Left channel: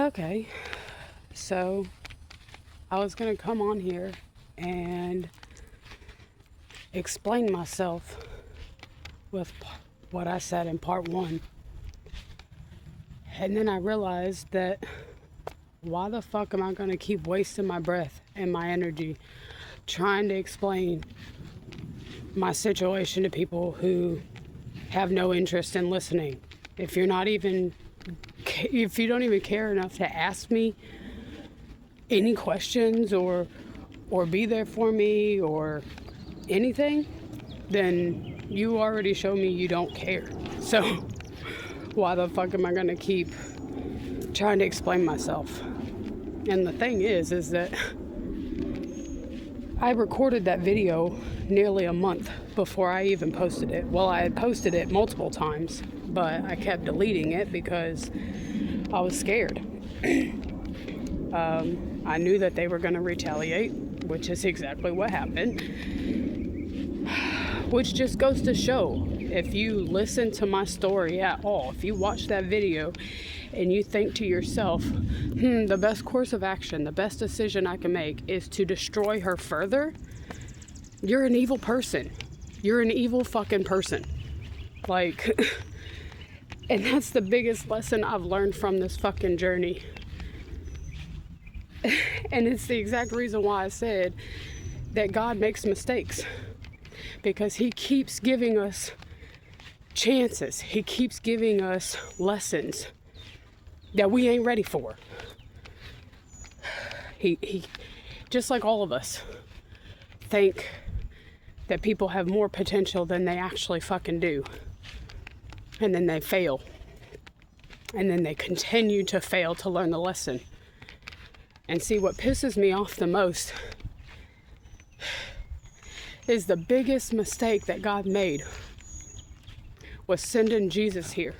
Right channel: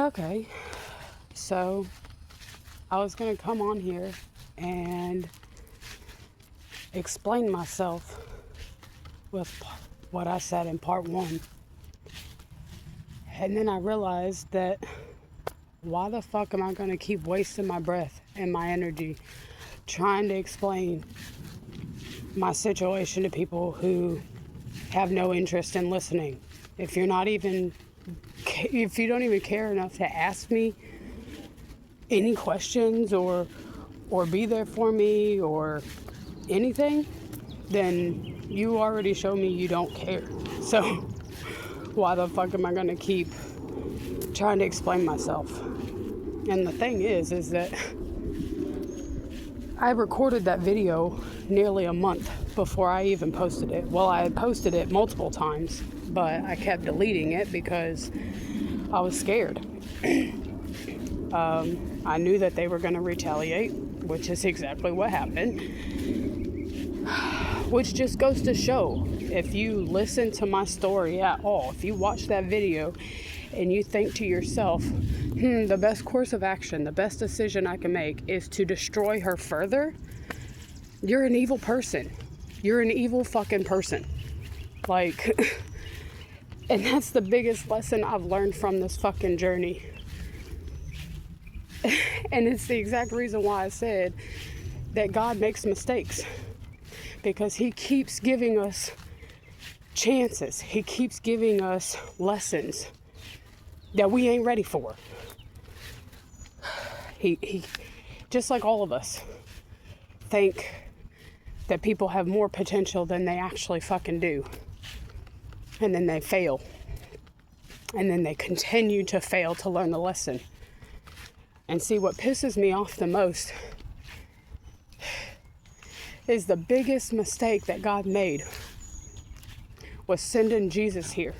Okay, so I was going to come on here and explain myself with what I said in part one. And then I realized that why the fuck am I going to keep wasting my breath and my energy trying to explain my situation to people who have no interest in listening? If you don't even care enough to ask me any questions or be there for me or anything, then you already show me you don't care. So why the fuck am I gonna keep trying to explain myself? And the thing is that I recorded that video nearly a month before I even posted it. Well, I had posted it multiple times, but I kept deleting it because I was scared. I knew that they were going to retaliate, which is exactly what happened. Which just goes to show, if you listen to my story at all, if you watch that video and you think to yourself, the best course of action, the best decision I can make is to destroy her further, you're an evil person. You're an evil fucking person. Like, and that's the biggest lesson I've learned from this fucking journey. And it's the exact reason why I said that God makes mistakes. Because he keeps giving us chances. He keeps giving us lessons that we ain't ready for. He just like all of us, think that people have more potential than they actually fucking do. And then they fail. And then they continue to fail to learn the lesson. And see, what pisses me off the most is the biggest mistake that God made was sending Jesus here.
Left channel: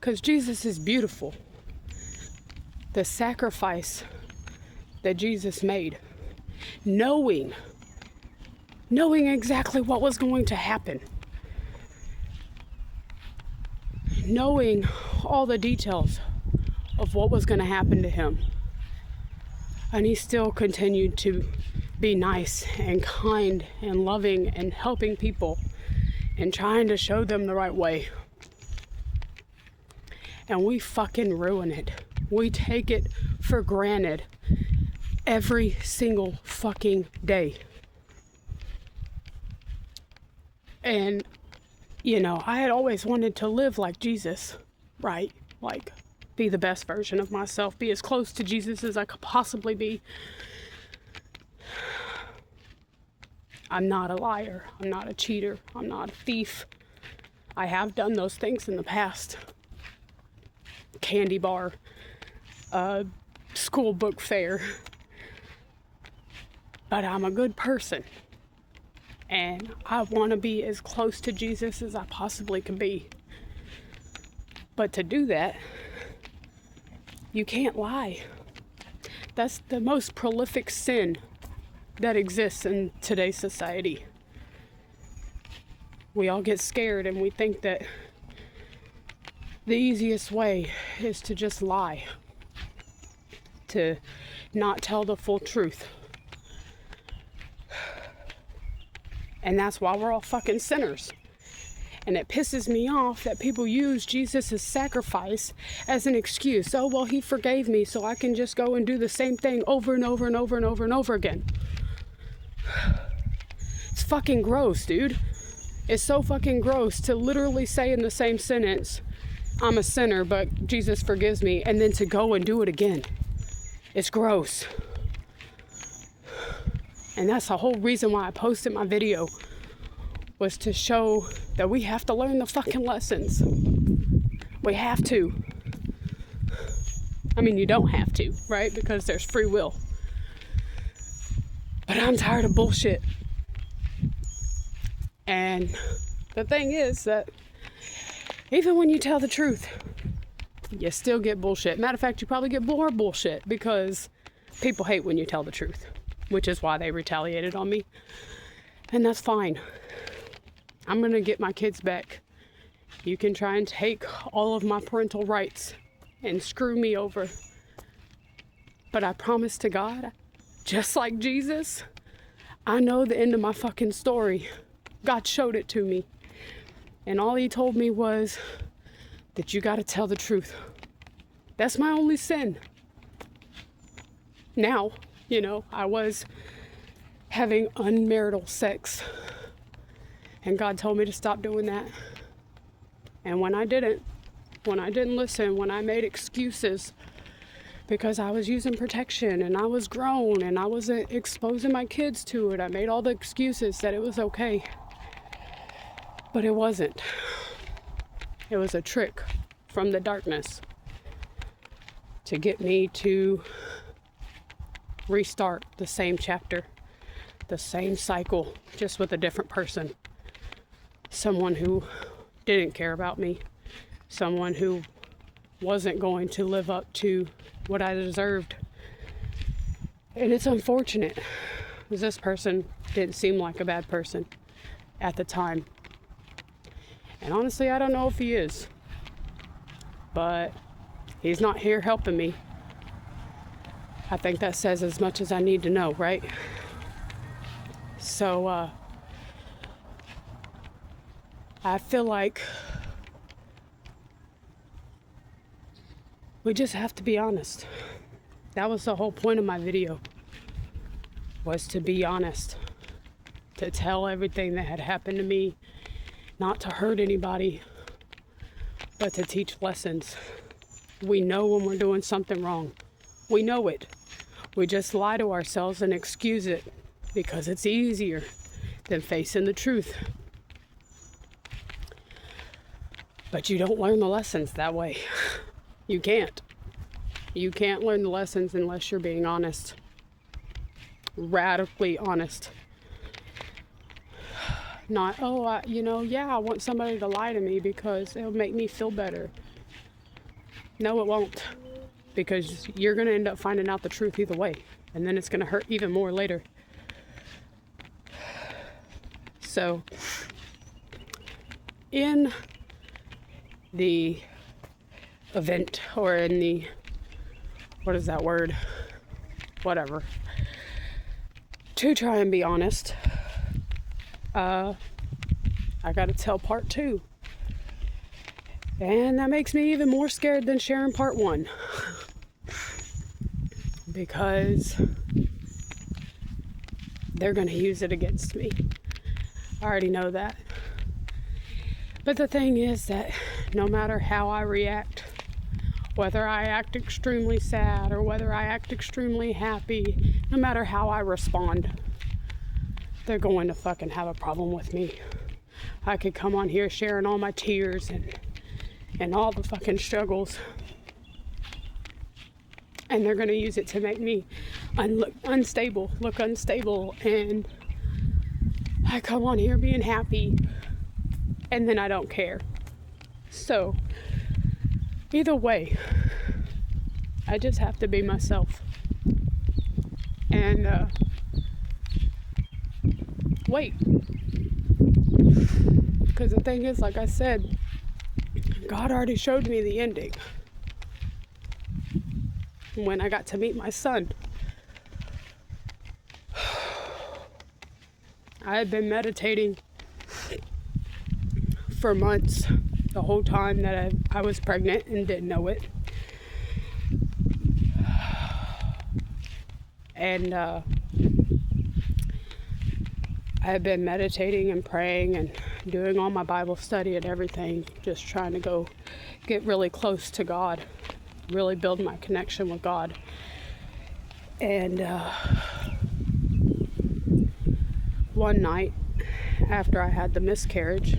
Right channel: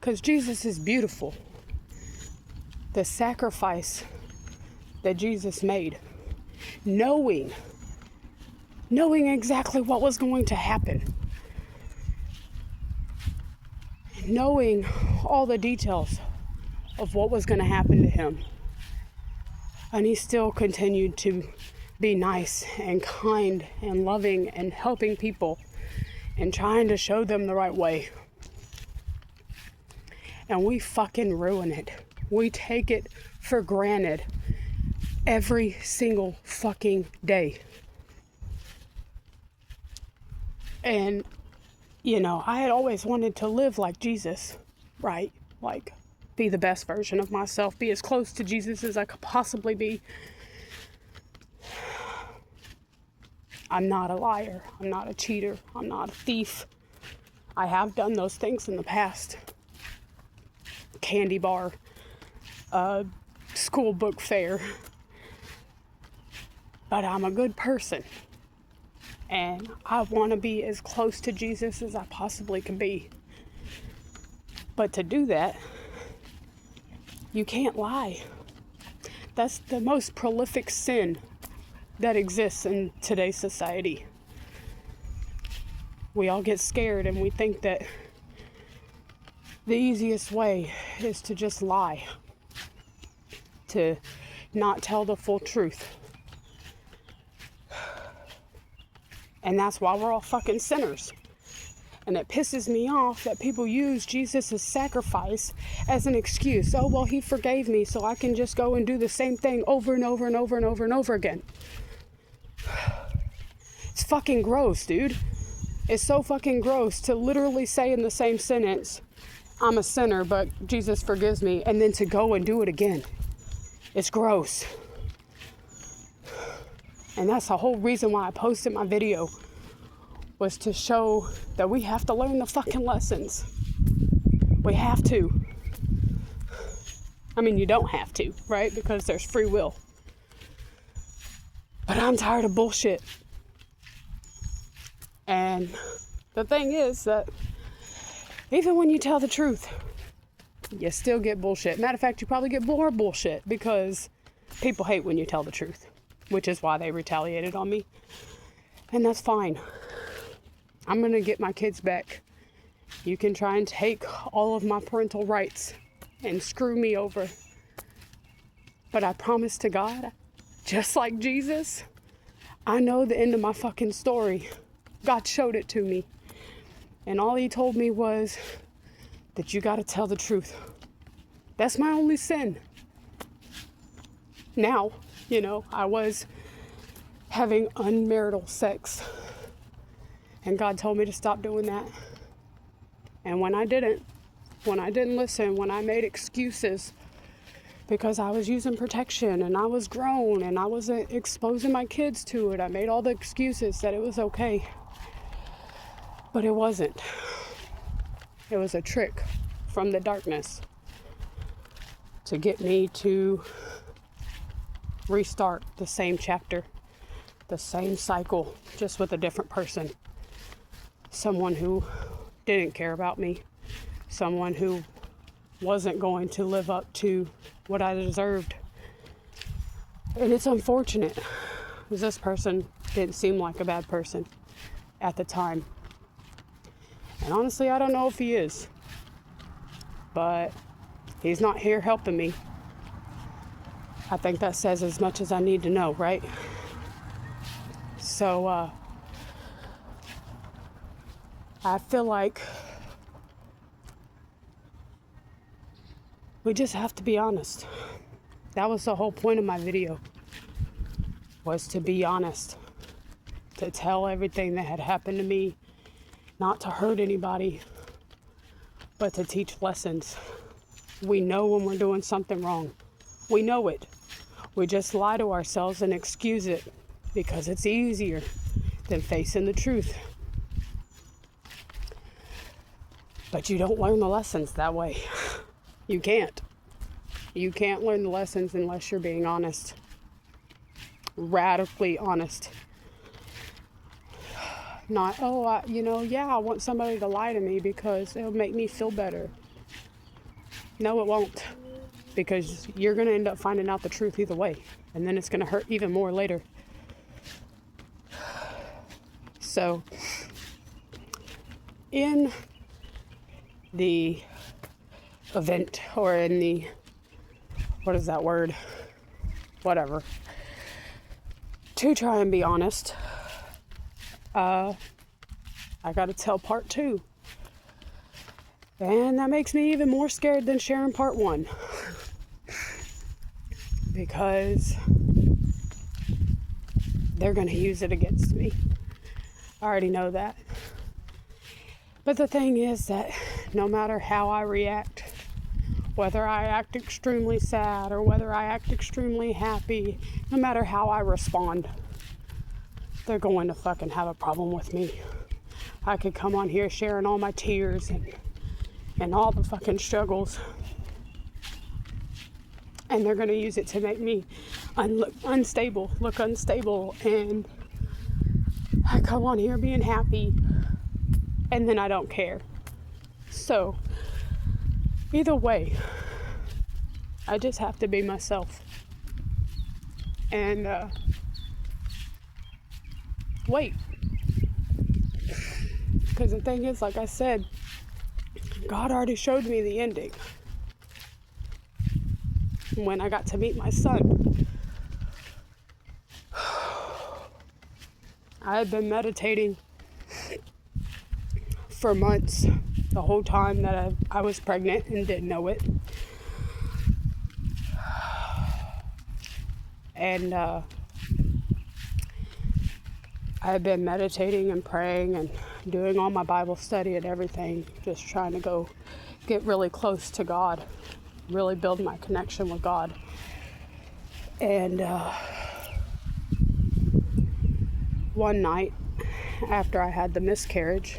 Because Jesus is beautiful. The sacrifice that Jesus made, knowing exactly what was going to happen, knowing all the details of what was going to happen to him. And he still continued to be nice and kind and loving and helping people and trying to show them the right way. And we fucking ruin it. We take it for granted every single fucking day. And, I had always wanted to live like Jesus, right? Like, be the best version of myself, be as close to Jesus as I could possibly be. I'm not a liar. I'm not a cheater. I'm not a thief. I have done those things in the past. Candy bar, school book fair. But I'm a good person. And I want to be as close to Jesus as I possibly can be. But to do that, you can't lie. That's the most prolific sin that exists in today's society. We all get scared and we think that the easiest way is to just lie, to not tell the full truth. And that's why we're all fucking sinners. And it pisses me off that people use Jesus' sacrifice as an excuse. Oh, well, he forgave me, so I can just go and do the same thing over and over and over and over and over again. It's fucking gross, dude. It's so fucking gross to literally say in the same sentence, I'm a sinner, but Jesus forgives me, and then to go and do it again. It's gross. And that's the whole reason why I posted my video, was to show that we have to learn the fucking lessons. We have to. I mean, you don't have to, right? Because there's free will. But I'm tired of bullshit. And the thing is that even when you tell the truth, you still get bullshit. Matter of fact, you probably get more bullshit because people hate when you tell the truth, which is why they retaliated on me. And that's fine. I'm going to get my kids back. You can try and take all of my parental rights and screw me over. But I promise to God, just like Jesus, I know the end of my fucking story. God showed it to me. And all he told me was that you got to tell the truth. That's my only sin. Now, I was having unmarital sex. And God told me to stop doing that. And when I didn't listen, when I made excuses because I was using protection and I was grown and I wasn't exposing my kids to it, I made all the excuses that it was okay. But it wasn't. It was a trick from the darkness to get me to restart the same chapter, the same cycle, just with a different person. Someone who didn't care about me. Someone who wasn't going to live up to what I deserved. And it's unfortunate, because this person didn't seem like a bad person at the time. And honestly, I don't know if he is. But he's not here helping me. I think that says as much as I need to know, right? So, I feel like we just have to be honest. That was the whole point of my video, was to be honest, to tell everything that had happened to me, not to hurt anybody, but to teach lessons. We know when we're doing something wrong. We know it. We just lie to ourselves and excuse it because it's easier than facing the truth. But you don't learn the lessons that way. You can't. You can't learn the lessons unless you're being honest. Radically honest. Not, I want somebody to lie to me because it'll make me feel better. No, it won't. Because you're going to end up finding out the truth either way. And then it's going to hurt even more later. So, in the event, or in the, what is that word? Whatever. To try and be honest, I got to tell part 2. And that makes me even more scared than sharing part 1. Because they're going to use it against me. I already know that. But the thing is that no matter how I react, whether I act extremely sad or whether I act extremely happy, no matter how I respond, they're going to fucking have a problem with me. I could come on here sharing all my tears and all the fucking struggles, and they're going to use it to make me look unstable, and I come on here being happy, and then I don't care. So, either way, I just have to be myself. And, wait. Because the thing is, like I said, God already showed me the ending. When I got to meet my son. I had been meditating for months, the whole time that I was pregnant and didn't know it. And I had been meditating and praying and doing all my Bible study and everything, just trying to go get really close to God, really build my connection with God. And one night after I had the miscarriage,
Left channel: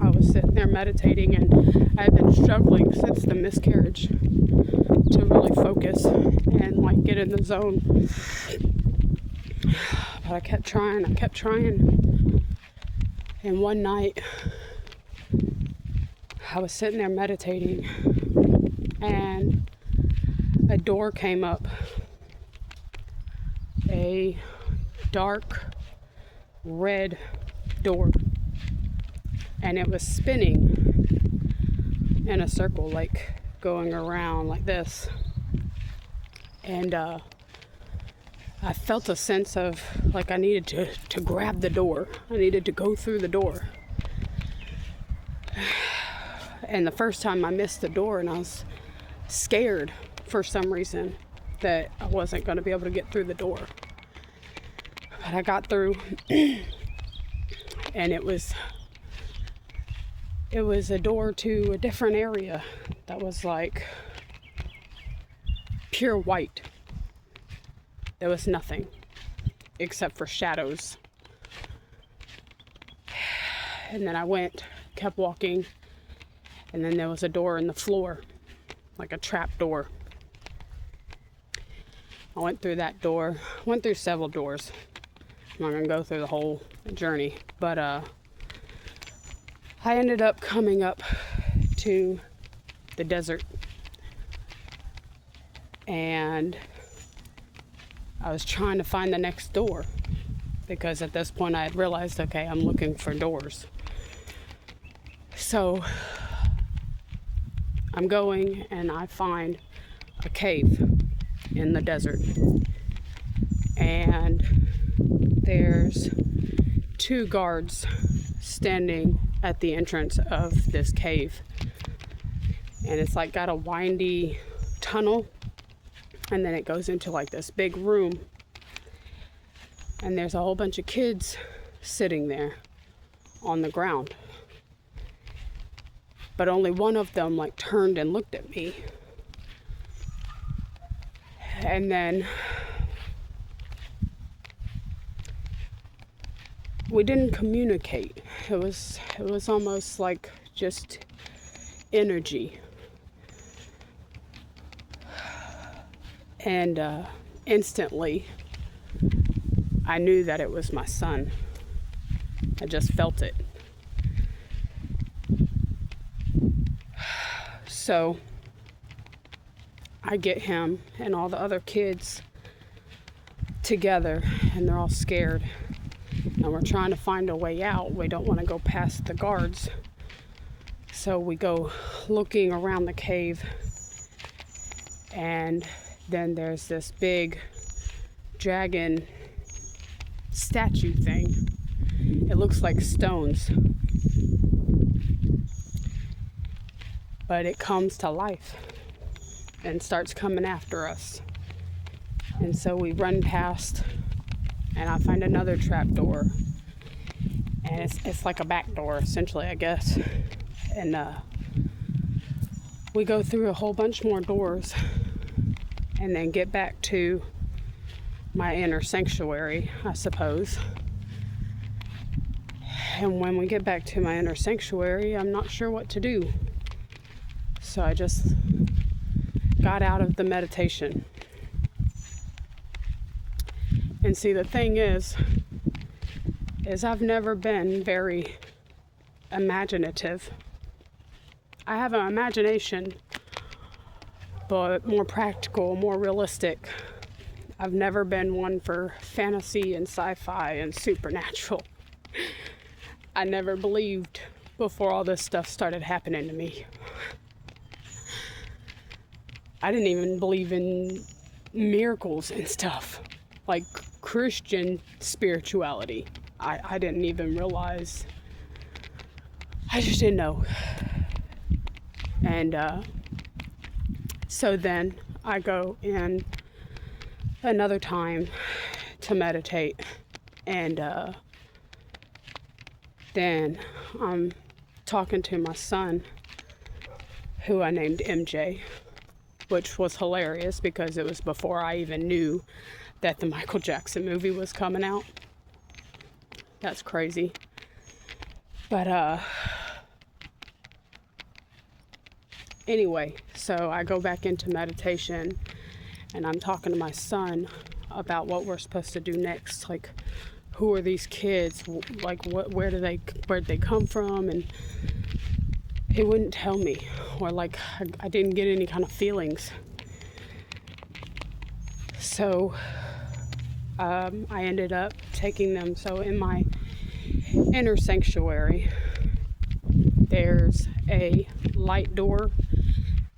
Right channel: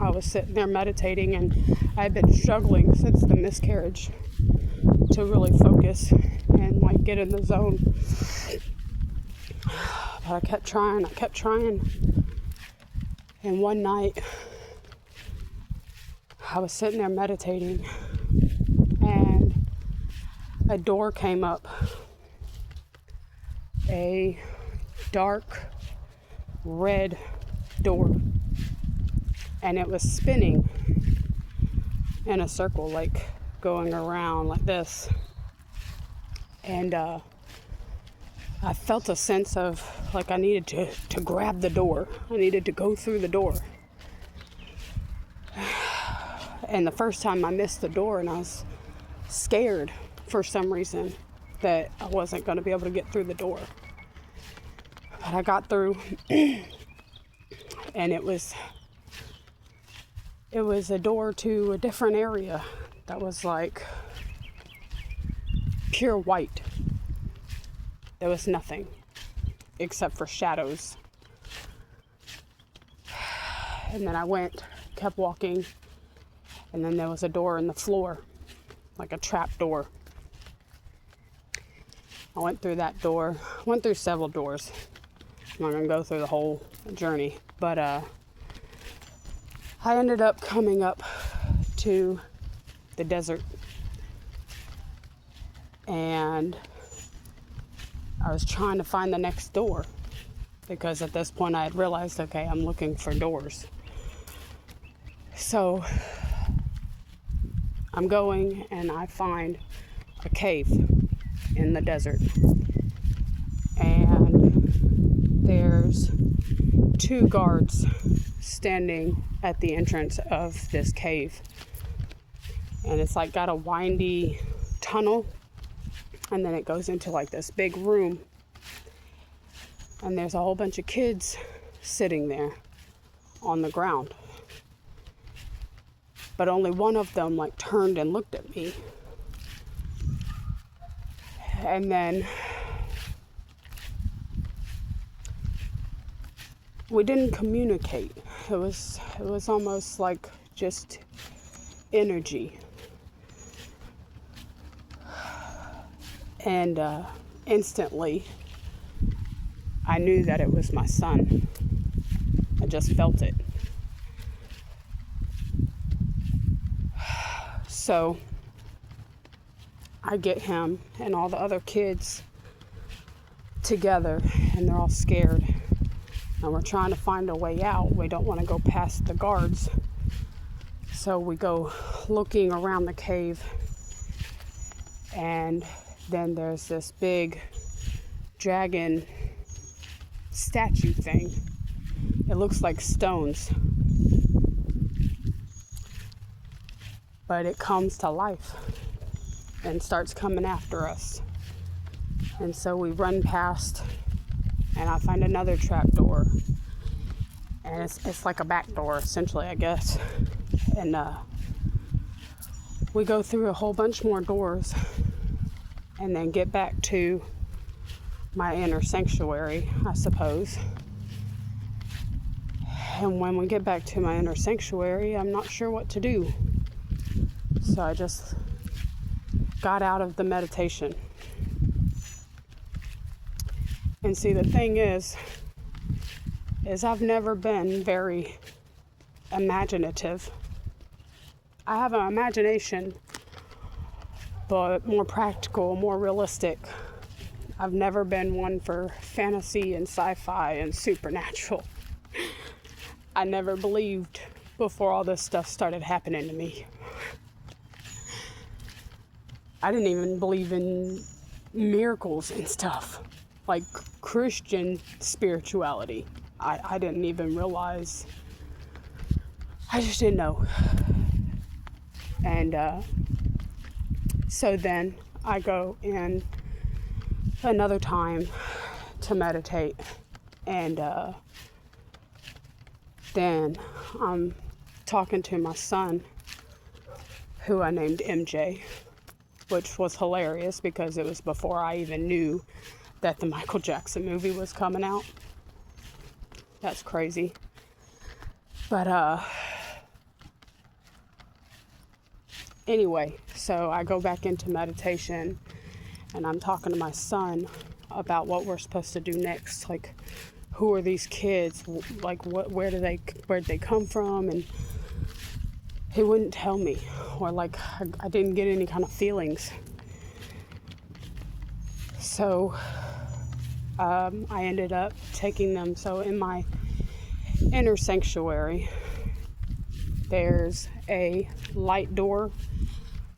I was sitting there meditating, and I had been struggling since the miscarriage to really focus and like get in the zone. But I kept trying. And one night I was sitting there meditating, and a door came up. A dark red door. And it was spinning in a circle, like going around like this. And I felt a sense of like I needed to grab the door. I needed to go through the door. And the first time I missed the door, and I was scared for some reason that I wasn't going to be able to get through the door. But I got through, and it was a door to a different area that was like pure white. There was nothing except for shadows. And then I kept walking, and then there was a door in the floor, like a trap door. I went through that door, went through several doors. I'm not gonna go through the whole journey, but I ended up coming up to the desert, and I was trying to find the next door, because at this point I had realized, okay, I'm looking for doors. So I'm going, and I find a cave in the desert, and there's 2 guards standing at the entrance of this cave, and it's like got a windy tunnel, and then it goes into like this big room, and there's a whole bunch of kids sitting there on the ground, but only one of them like turned and looked at me. And then we didn't communicate. It was almost like just energy. And instantly I knew that it was my son. I just felt it. So I get him and all the other kids together, and they're all scared, and we're trying to find a way out. We don't want to go past the guards, so we go looking around the cave, and then there's this big dragon statue thing. It looks like stones, but it comes to life and starts coming after us. And so we run past, and I find another trap door, and it's like a back door essentially, I guess. And we go through a whole bunch more doors, and then get back to my inner sanctuary, I suppose. And when we get back to my inner sanctuary, I'm not sure what to do. So I just got out of the meditation. And see, the thing is I've never been very imaginative. I have an imagination, but more practical, more realistic. I've never been one for fantasy and sci-fi and supernatural. I never believed before all this stuff started happening to me. I didn't even believe in miracles and stuff, like Christian spirituality. I didn't even realize. I just didn't know. And so then I go in another time to meditate, and then I'm talking to my son, who I named MJ, which was hilarious because it was before I even knew that the Michael Jackson movie was coming out. That's crazy. But anyway, so I go back into meditation, and I'm talking to my son about what we're supposed to do next. Like, who are these kids? Like, where'd they come from? And he wouldn't tell me, or like I didn't get any kind of feelings. So I ended up taking them. So in my inner sanctuary, there's a light door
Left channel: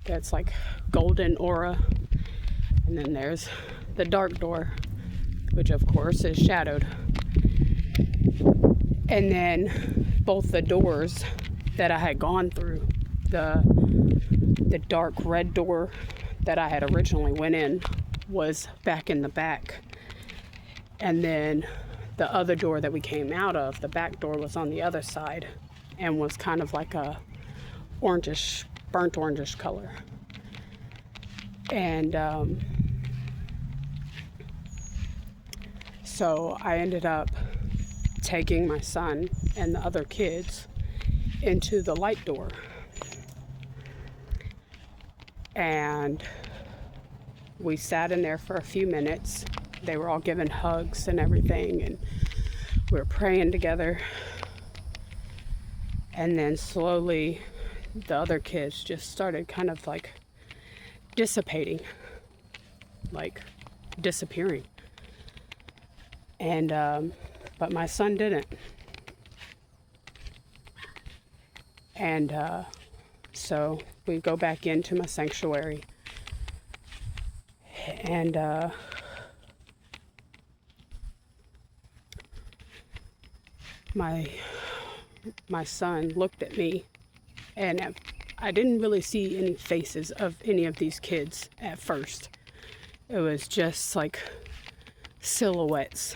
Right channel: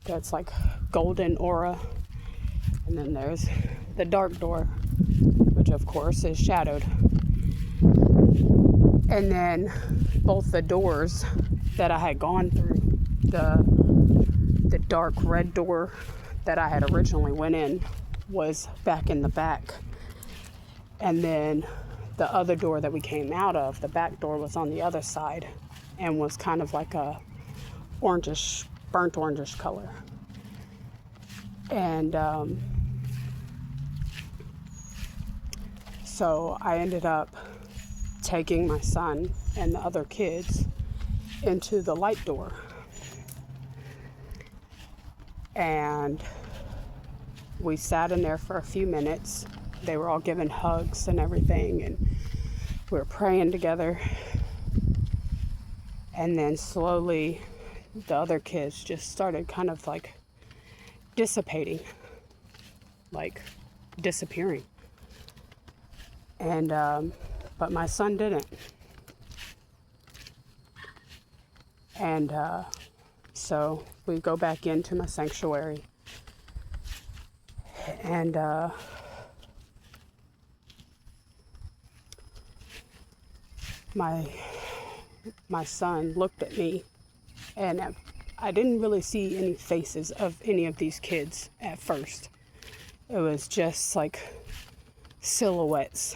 that's like golden aura, and then there's the dark door, which of course is shadowed. And then both the doors that I had gone through, the dark red door that I had originally went in was back in the back, and then the other door that we came out of, the back door, was on the other side and was kind of like a orangish, burnt orangish color. And so I ended up taking my son and the other kids into the light door. And we sat in there for a few minutes. They were all giving hugs and everything, and we were praying together. And then slowly the other kids just started kind of like dissipating, like disappearing. And but my son didn't. And so we go back into my sanctuary, and my son looked at me, and I didn't really see any faces of any of these kids at first. It was just like silhouettes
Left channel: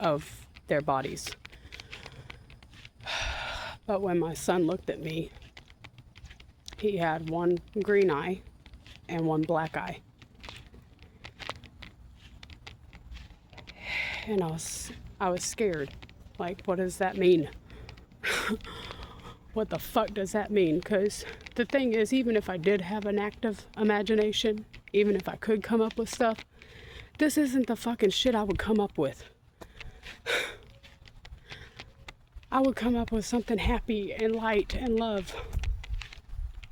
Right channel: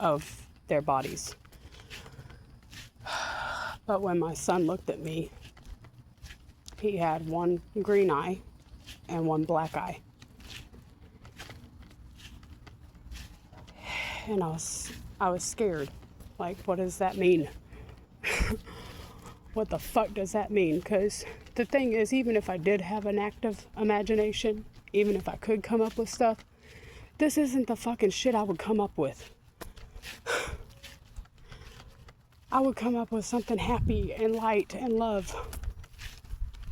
of their bodies. But when my son looked at me, he had one green eye and one black eye. And I was scared. Like, what does that mean? What the fuck does that mean? Because the thing is, even if I did have an active imagination, even if I could come up with stuff, this isn't the fucking shit I would come up with. I would come up with something happy and light and love.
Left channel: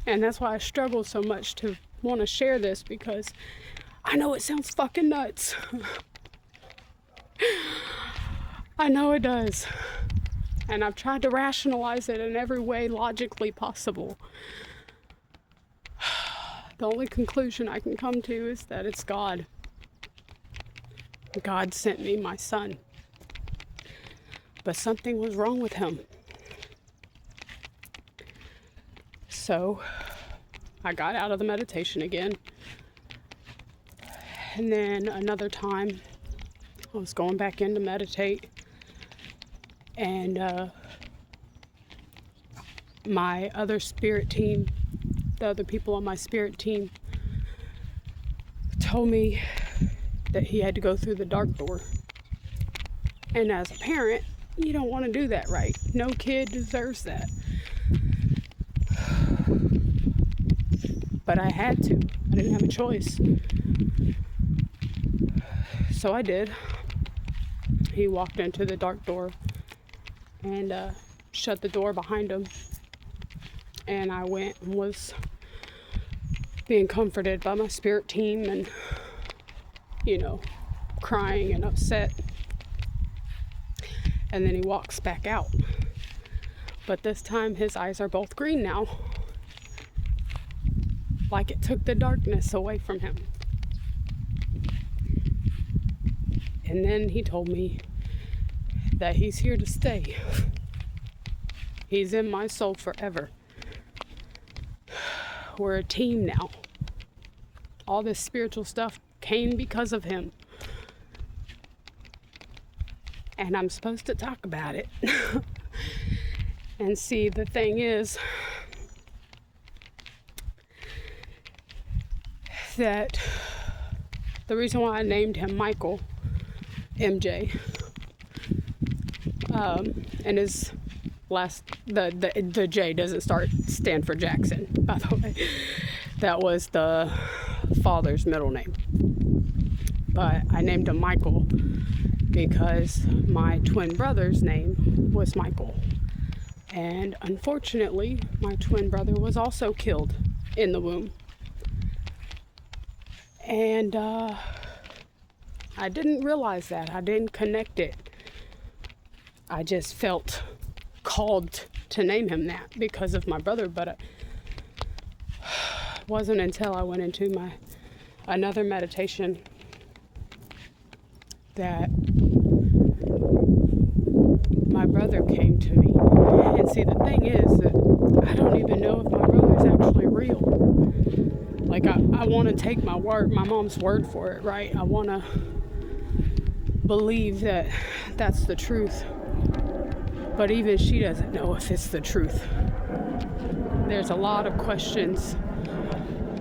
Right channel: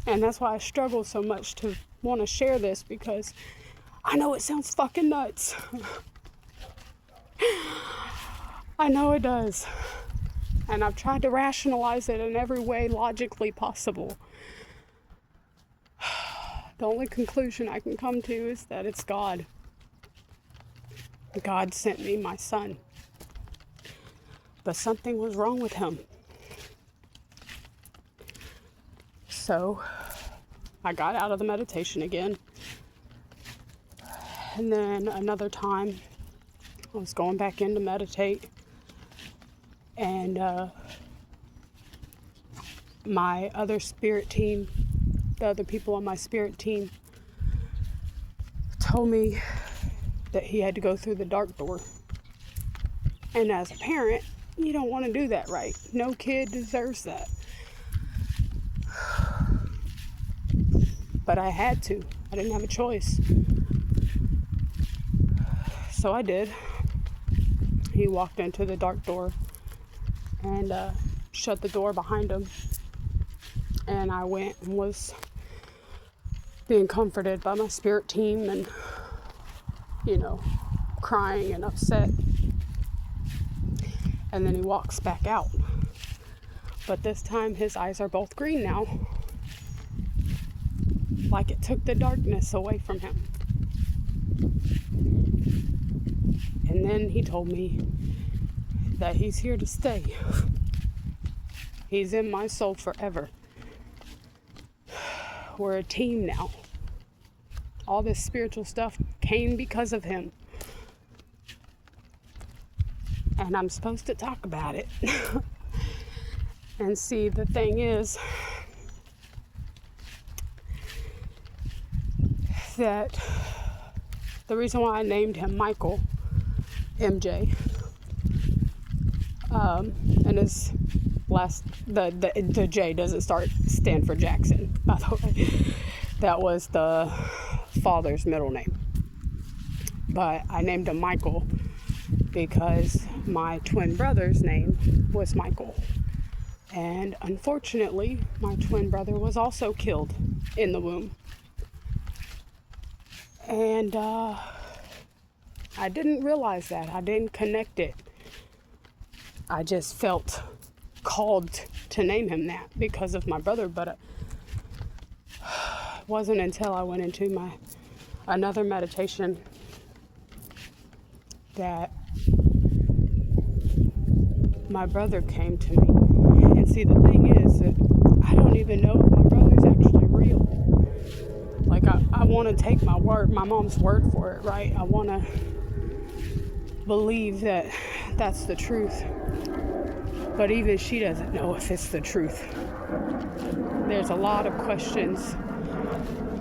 And that's why I struggle so much to want to share this, because I know it sounds fucking nuts. I know it does. And I've tried to rationalize it in every way logically possible. The only conclusion I can come to is that it's God. God sent me my son. But something was wrong with him. So I got out of the meditation again. And then another time I was going back in to meditate. And my other spirit team, the other people on my spirit team, told me that he had to go through the dark door. And as a parent, you don't want to do that, right? No kid deserves that. But I had to. I didn't have a choice. So I did. He walked into the dark door and shut the door behind him. And I went and was being comforted by my spirit team and, crying and upset. And then he walks back out. But this time his eyes are both green now. Like it took the darkness away from him. And then he told me that he's here to stay. He's in my soul forever. We're a team now. All this spiritual stuff came because of him. And I'm supposed to talk about it. And see, the thing is that the reason why I named him Michael, MJ, and his last, the J doesn't stand for Jackson, by the way. That was the father's middle name. But I named him Michael because my twin brother's name was Michael. And unfortunately, my twin brother was also killed in the womb. And I didn't realize that. I didn't connect it. I just felt called to name him that because of my brother, but it wasn't until I went into another meditation that my brother came to me. And see, the thing is that I don't even know if my brother's actually real. Like, I want to take my mom's word for it, right? I want to believe that that's the truth. But even she doesn't know if it's the truth. There's a lot of questions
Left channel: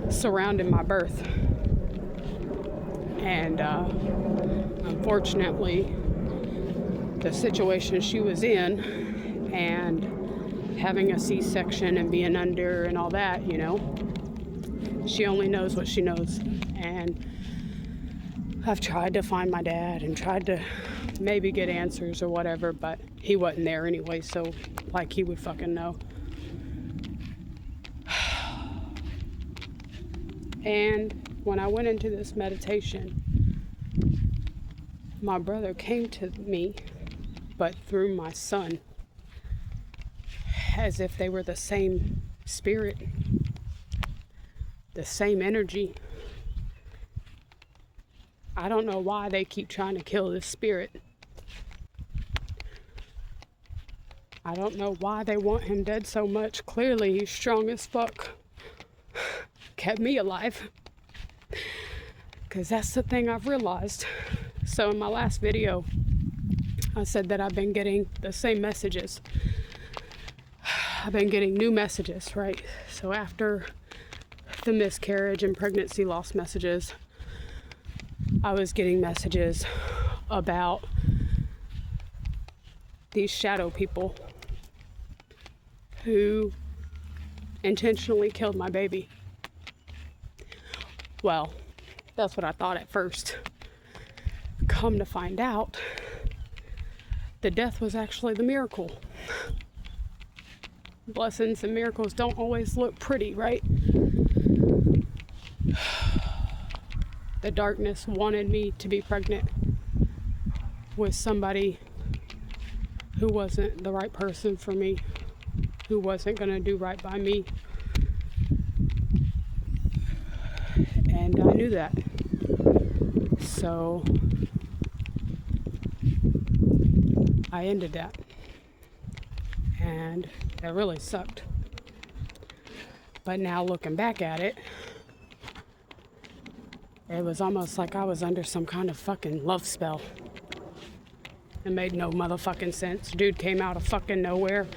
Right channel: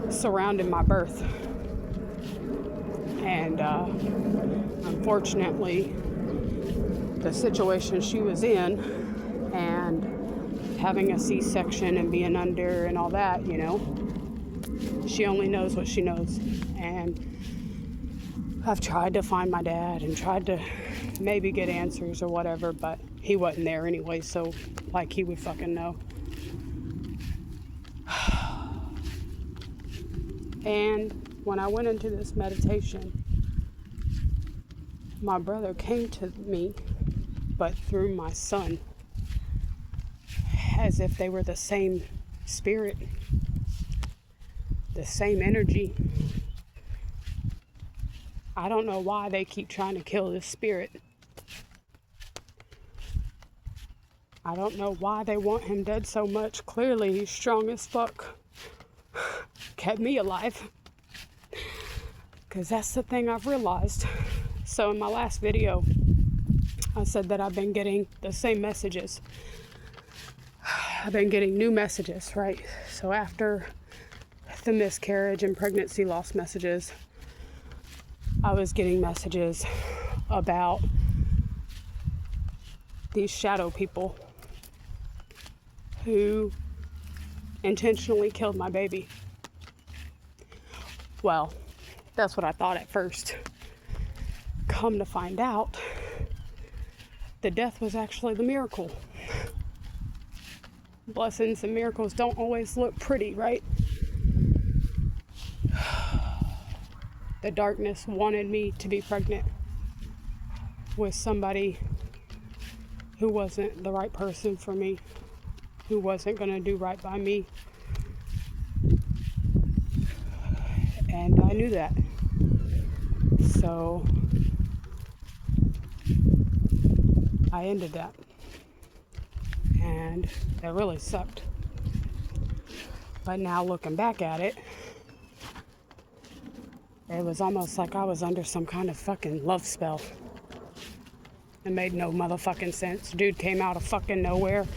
surrounding my birth. And unfortunately, the situation she was in and having a C-section and being under and all that, you know, she only knows what she knows. And I've tried to find my dad and tried to maybe get answers or whatever, but he wasn't there anyway, so like he would fucking know. And when I went into this meditation, my brother came to me, but through my son, as if they were the same spirit, the same energy. I don't know why they keep trying to kill this spirit. I don't know why they want him dead so much. Clearly, he's strong as fuck. Kept me alive. Because that's the thing I've realized. So in my last video, I said that I've been getting the same messages. I've been getting new messages, right? So after the miscarriage and pregnancy loss messages, I was getting messages about these shadow people who intentionally killed my baby. Well, that's what I thought at first. Come to find out, the death was actually the miracle. Blessings and miracles don't always look pretty, right? The darkness wanted me to be pregnant with somebody who wasn't the right person for me, who wasn't going to do right by me. And I knew that. So I ended that. And it really sucked. But now looking back at it, it was almost like I was under some kind of fucking love spell. It made no motherfucking sense. Dude came out of fucking nowhere,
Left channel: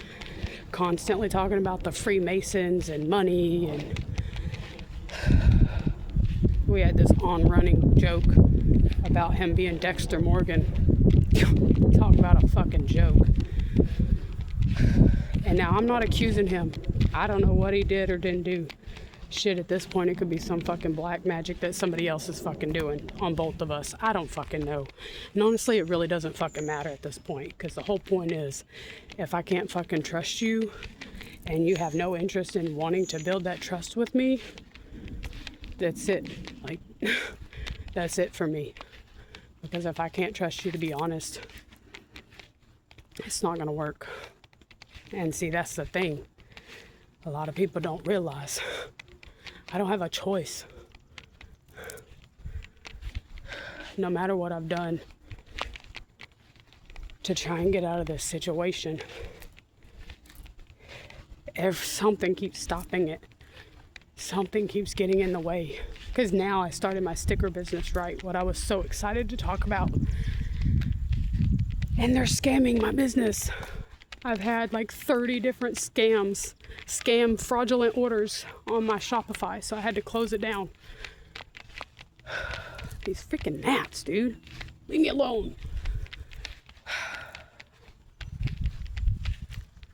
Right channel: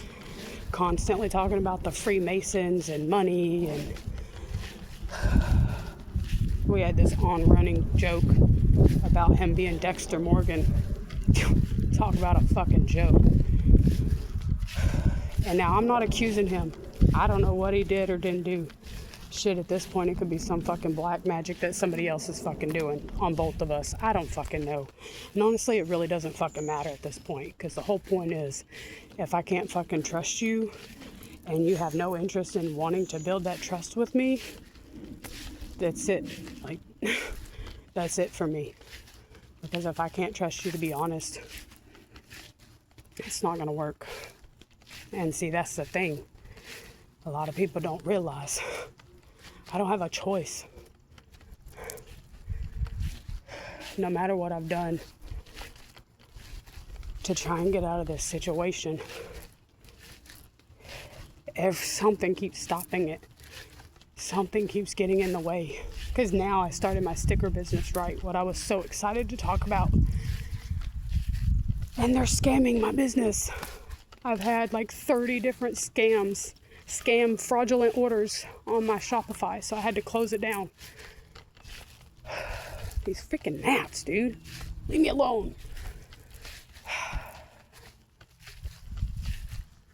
constantly talking about the Freemasons and money, and we had this on-running joke about him being Dexter Morgan. Talk about a fucking joke. And now I'm not accusing him. I don't know what he did or didn't do. Shit, at this point, it could be some fucking black magic that somebody else is fucking doing on both of us. I don't fucking know. And honestly, it really doesn't fucking matter at this point, because the whole point is, if I can't fucking trust you and you have no interest in wanting to build that trust with me, that's it. Like, that's it for me. Because if I can't trust you to be honest, it's not gonna work. And see, that's the thing. A lot of people don't realize I don't have a choice. No matter what I've done to try and get out of this situation, if something keeps stopping it, something keeps getting in the way. Because now I started my sticker business, right? What I was so excited to talk about. And they're scamming my business. I've had like 30 different scam fraudulent orders on my Shopify, so I had to close it down. These freaking gnats, dude. Leave me alone.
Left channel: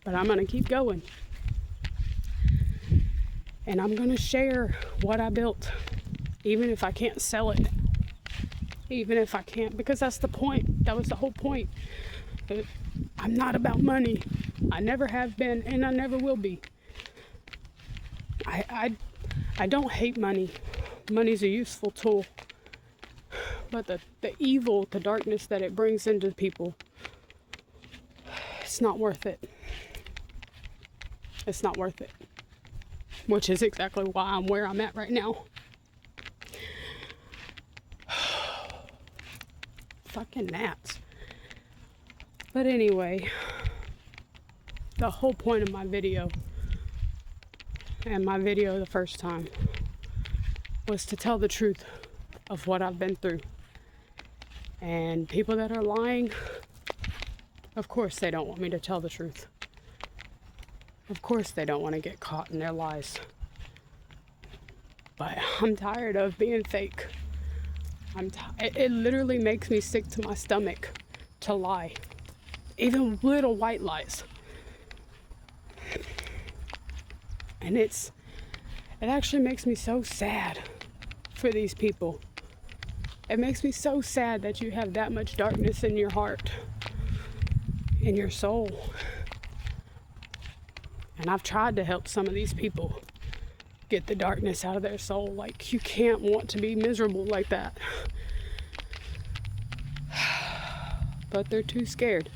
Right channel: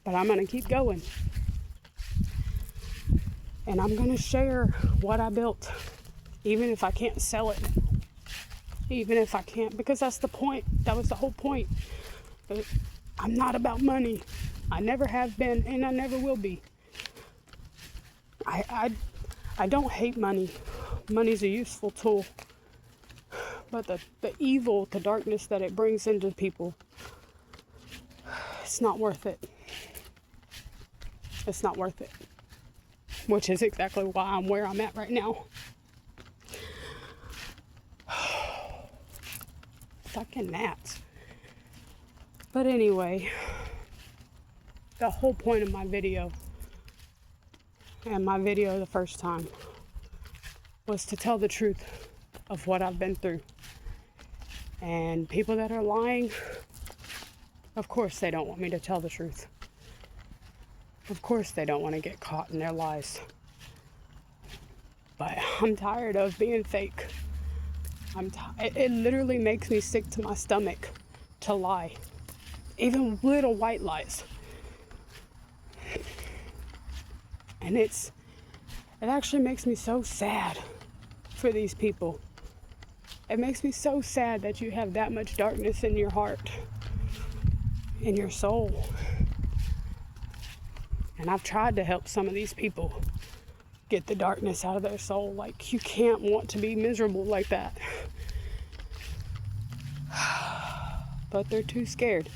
But I'm gonna keep going. And I'm gonna share what I built, even if I can't sell it. Even if I can't, because that's the point. That was the whole point. I'm not about money. I never have been, and I never will be. I don't hate money. Money's a useful tool. But the evil, the darkness that it brings into people, it's not worth it. It's not worth it. Which is exactly why I'm where I'm at right now. Fucking gnats. But anyway, the whole point of my video, and my video the first time, was to tell the truth of what I've been through. And people that are lying, of course they don't want me to tell the truth. Of course they don't want to get caught in their lies. But I'm tired of being fake. It literally makes me sick to my stomach to lie. Even little white lies. And it actually makes me so sad for these people. It makes me so sad that you have that much darkness in your heart, in your soul. And I've tried to help some of these people get the darkness out of their soul. Like, you can't want to be miserable like that. But they're too scared.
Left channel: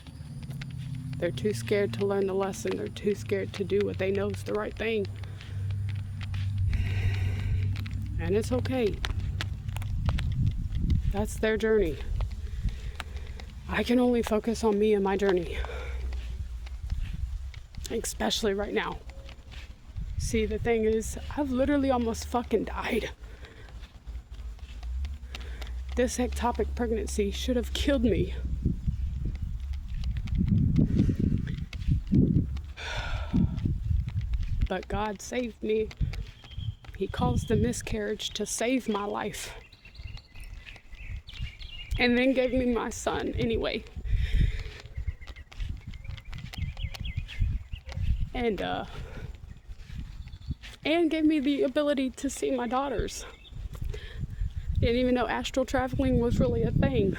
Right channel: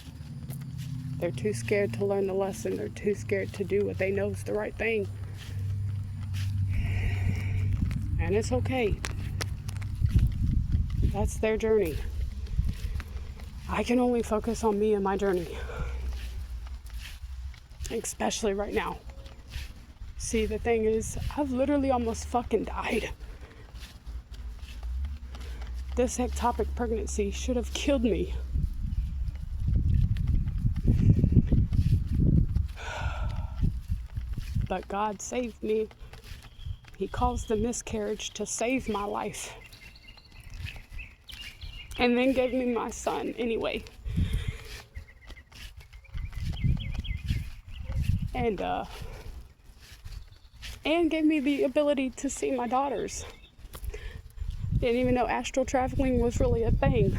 They're too scared to learn the lesson. They're too scared to do what they know is the right thing. And it's okay. That's their journey. I can only focus on me and my journey. Especially right now. See, the thing is, I've literally almost fucking died. This ectopic pregnancy should have killed me. But God saved me. He caused the miscarriage to save my life. And then gave me my son anyway. And gave me the ability to see my daughters. Didn't even know astral traveling was really a thing.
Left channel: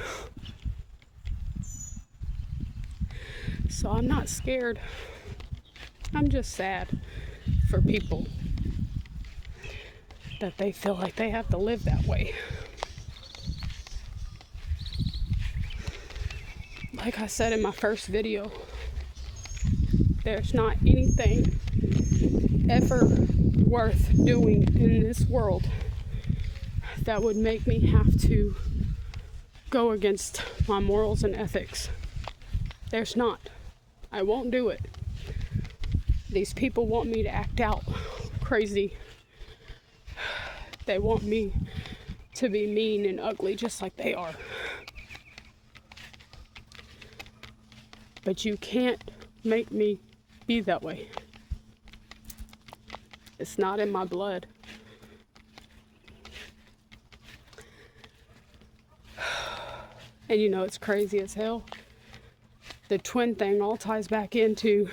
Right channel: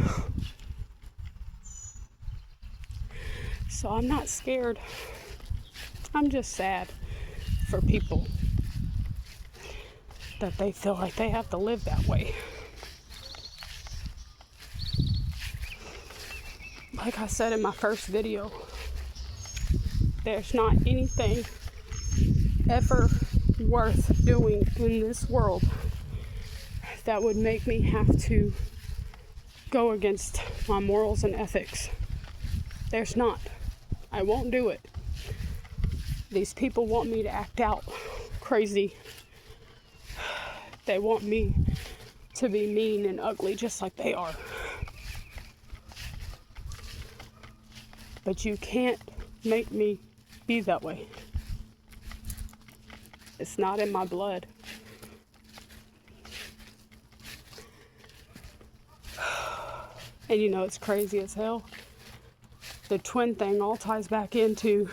So I'm not scared. I'm just sad for people that they feel like they have to live that way. Like I said in my first video, there's not anything ever worth doing in this world that would make me have to go against my morals and ethics. There's not. I won't do it. These people want me to act out crazy. They want me to be mean and ugly just like they are. But you can't make me be that way. It's not in my blood. And you know, it's crazy as hell. The twin thing all ties back into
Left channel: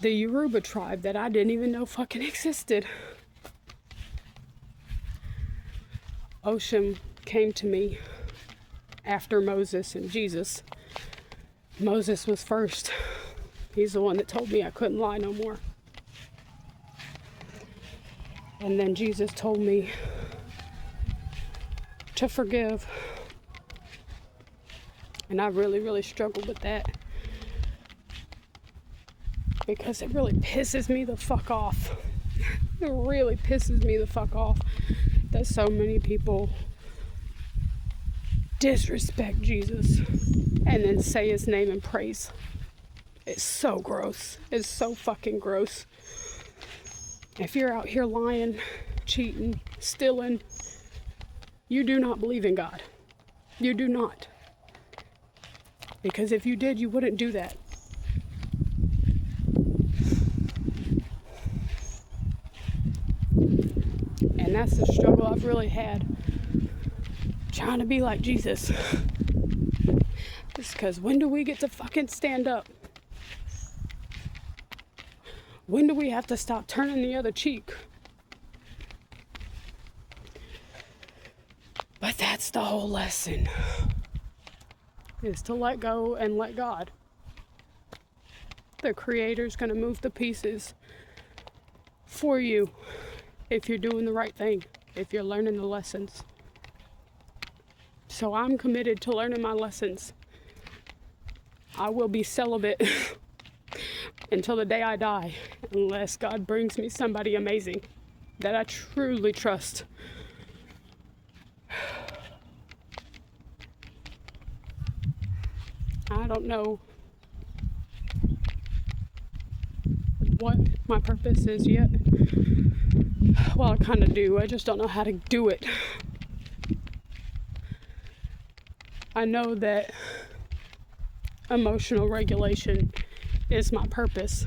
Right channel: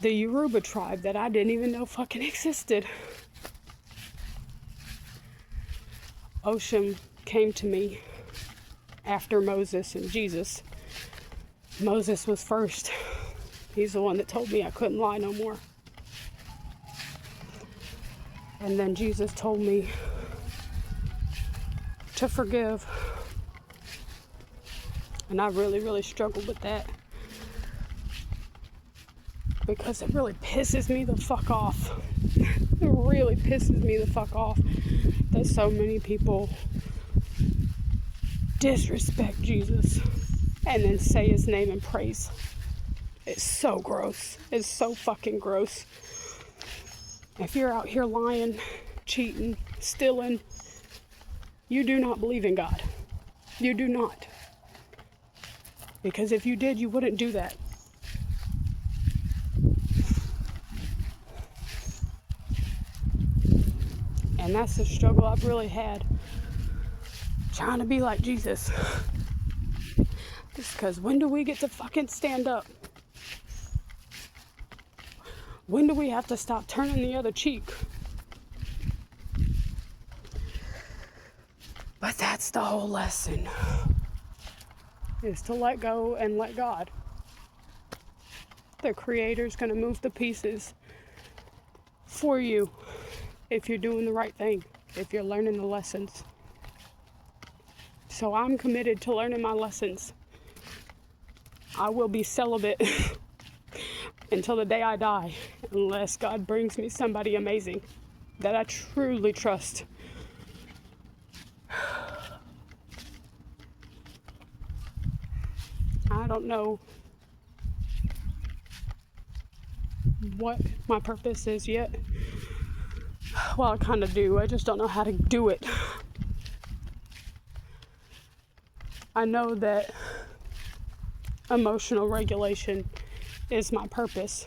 the Yoruba tribe that I didn't even know fucking existed. Ocean came to me after Moses and Jesus. Moses was first. He's the one that told me I couldn't lie no more. And then Jesus told me to forgive. And I really, really struggled with that. Because it really pisses me the fuck off. It really pisses me the fuck off that so many people disrespect Jesus and then say his name in praise. It's so gross. It's so fucking gross. If you're out here lying, cheating, stealing, you do not believe in God. You do not. Because if you did, you wouldn't do that. And that's the struggle I've really had. Trying to be like Jesus. Just because when do we get to fucking stand up? When do we have to stop turning the other cheek? But that's the whole lesson. Is to let go and let God. The Creator's going to move the pieces for you if you're doing the right thing, if you're learning the lessons. So I'm committed to learning my lessons. I will be celibate. until the day I die, unless God brings me somebody amazing that I truly trust. I don't know what my purpose is yet. Well, I kind of do. I just don't know how to do it. I know that emotional regulation is my purpose.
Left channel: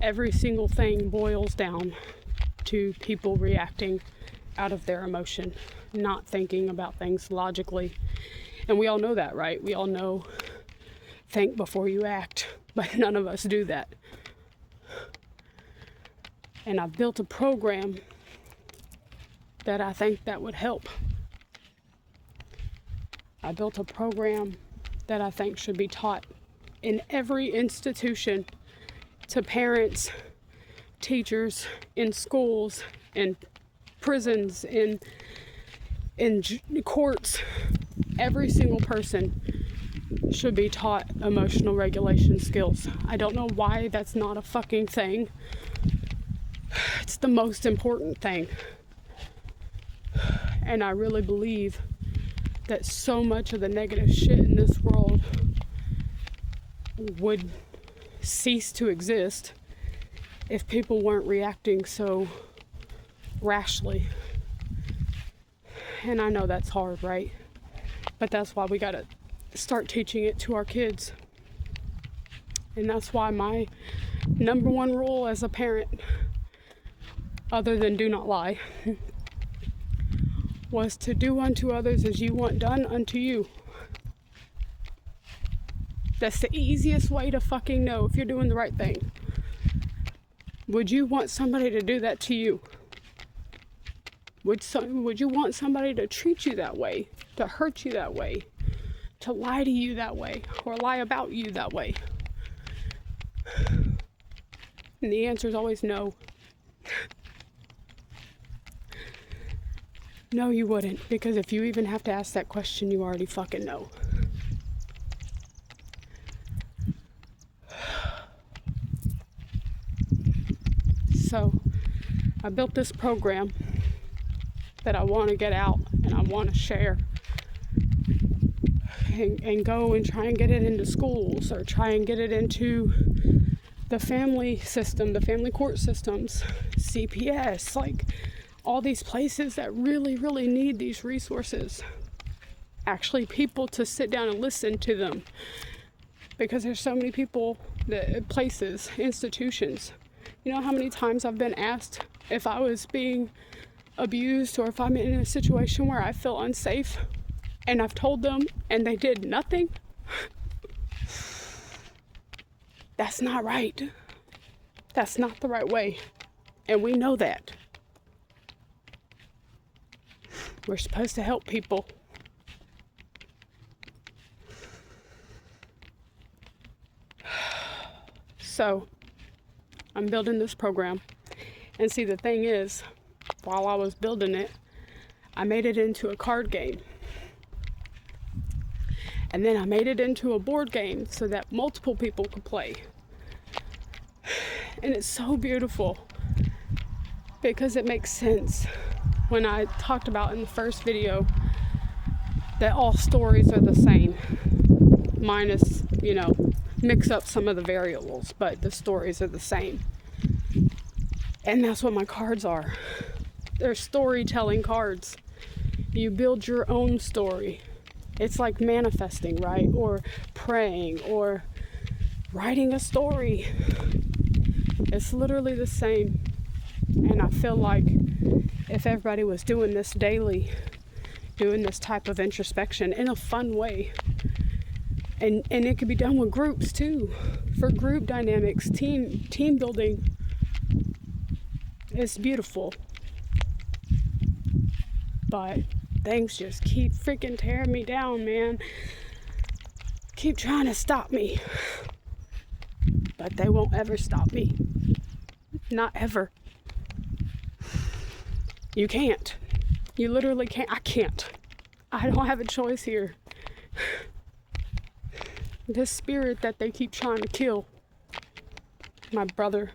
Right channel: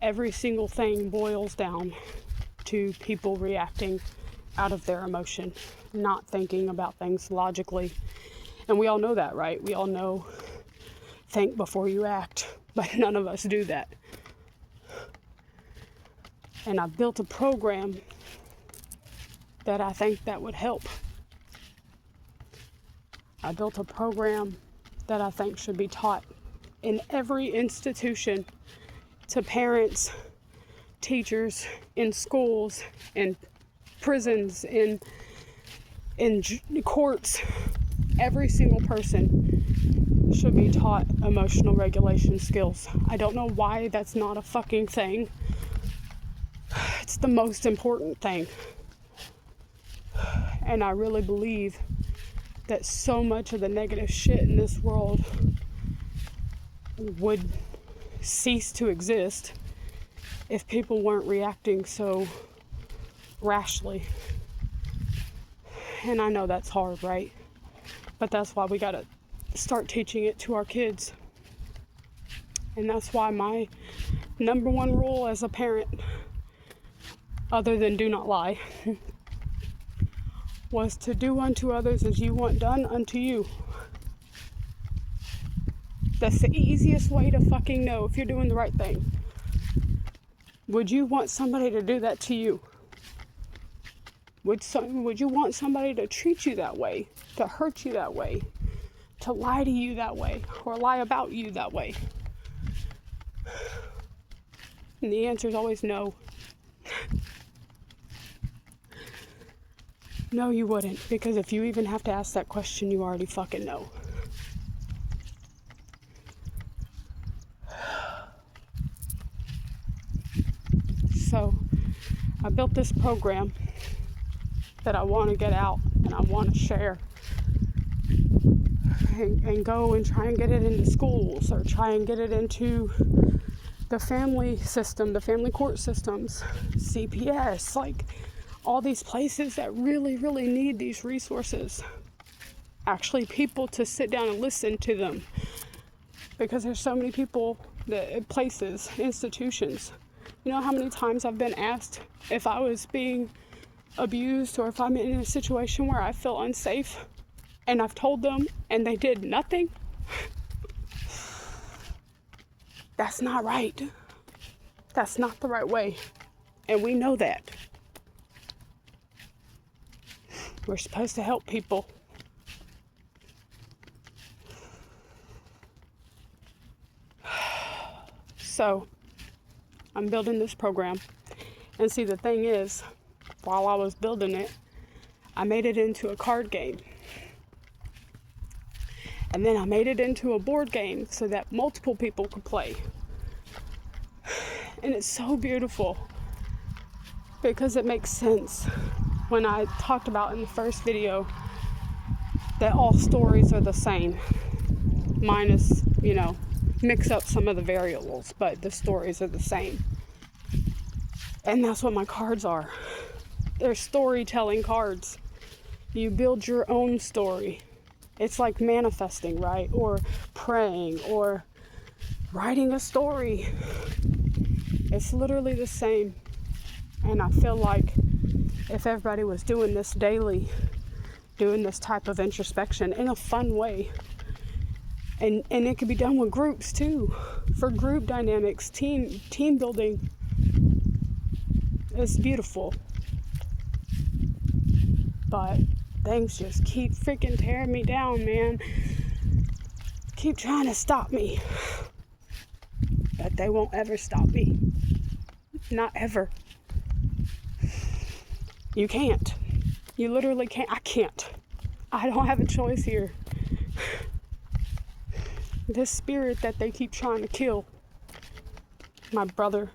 Every single thing boils down to people reacting out of their emotion, not thinking about things logically. And we all know that, right? We all know think before you act, but none of us do that. And I built a program that I think that would help. I built a program that I think should be taught in every institution to parents, teachers, in schools, in prisons, in courts. Every single person should be taught emotional regulation skills. I don't know why that's not a fucking thing. It's the most important thing. And I really believe that so much of the negative shit in this world would cease to exist if people weren't reacting so rashly. And I know that's hard, right? But that's why we gotta start teaching it to our kids. And that's why my number one rule as a parent, other than do not lie, was to do unto others as you want done unto you. That's the easiest way to fucking know if you're doing the right thing. Would you want somebody to do that to you? Would you want somebody to treat you that way, to hurt you that way, to lie to you that way, or lie about you that way? And the answer is always no. No, you wouldn't, because if you even have to ask that question, you already fucking know. So, I built this program that I want to get out and I want to share and go and try and get it into schools or try and get it into the family system, the family court systems, CPS, like all these places that really, really need these resources. Actually, people to sit down and listen to them, because there's so many people, places, institutions. You know how many times I've been asked if I was being abused or if I'm in a situation where I feel unsafe, and I've told them and they did nothing? That's not right. That's not the right way. And we know that. We're supposed to help people. So, I'm building this program. And see, the thing is, while I was building it, I made it into a card game. And then I made it into a board game so that multiple people could play. And it's so beautiful because it makes sense. When I talked about in the first video that all stories are the same, minus, mix up some of the variables, but the stories are the same. And that's what my cards are. They're storytelling cards. You build your own story. It's like manifesting, right? Or praying, or writing a story. It's literally the same. And I feel like if everybody was doing this daily, doing this type of introspection in a fun way, and it could be done with groups too, for group dynamics, team building, it's beautiful. But things just keep freaking tearing me down, man. Keep trying to stop me, but they won't ever stop me. Not ever. You can't. You literally can't. I can't. I don't have a choice here. This spirit that they keep trying to kill my brother,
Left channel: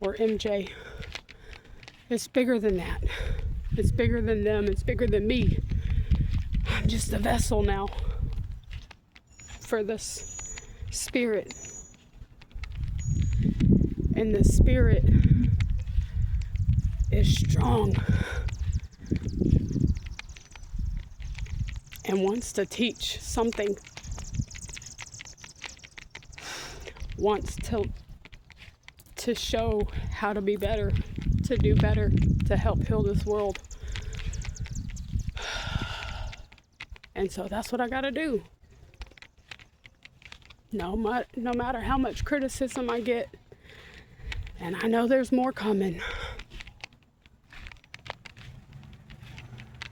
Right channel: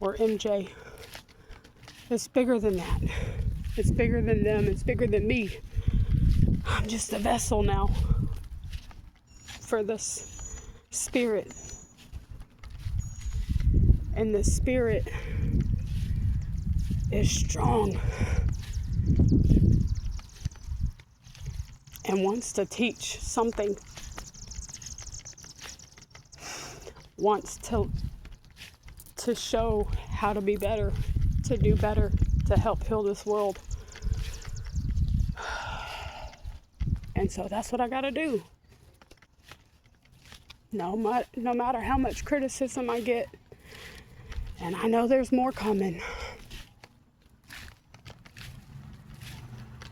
or MJ. It's bigger than that. It's bigger than them. It's bigger than me. I'm just a vessel now for this spirit. And the spirit is strong and wants to teach something, wants to show how to be better, to do better, to help heal this world. And so that's what I gotta do. No matter how much criticism I get, and I know there's more coming,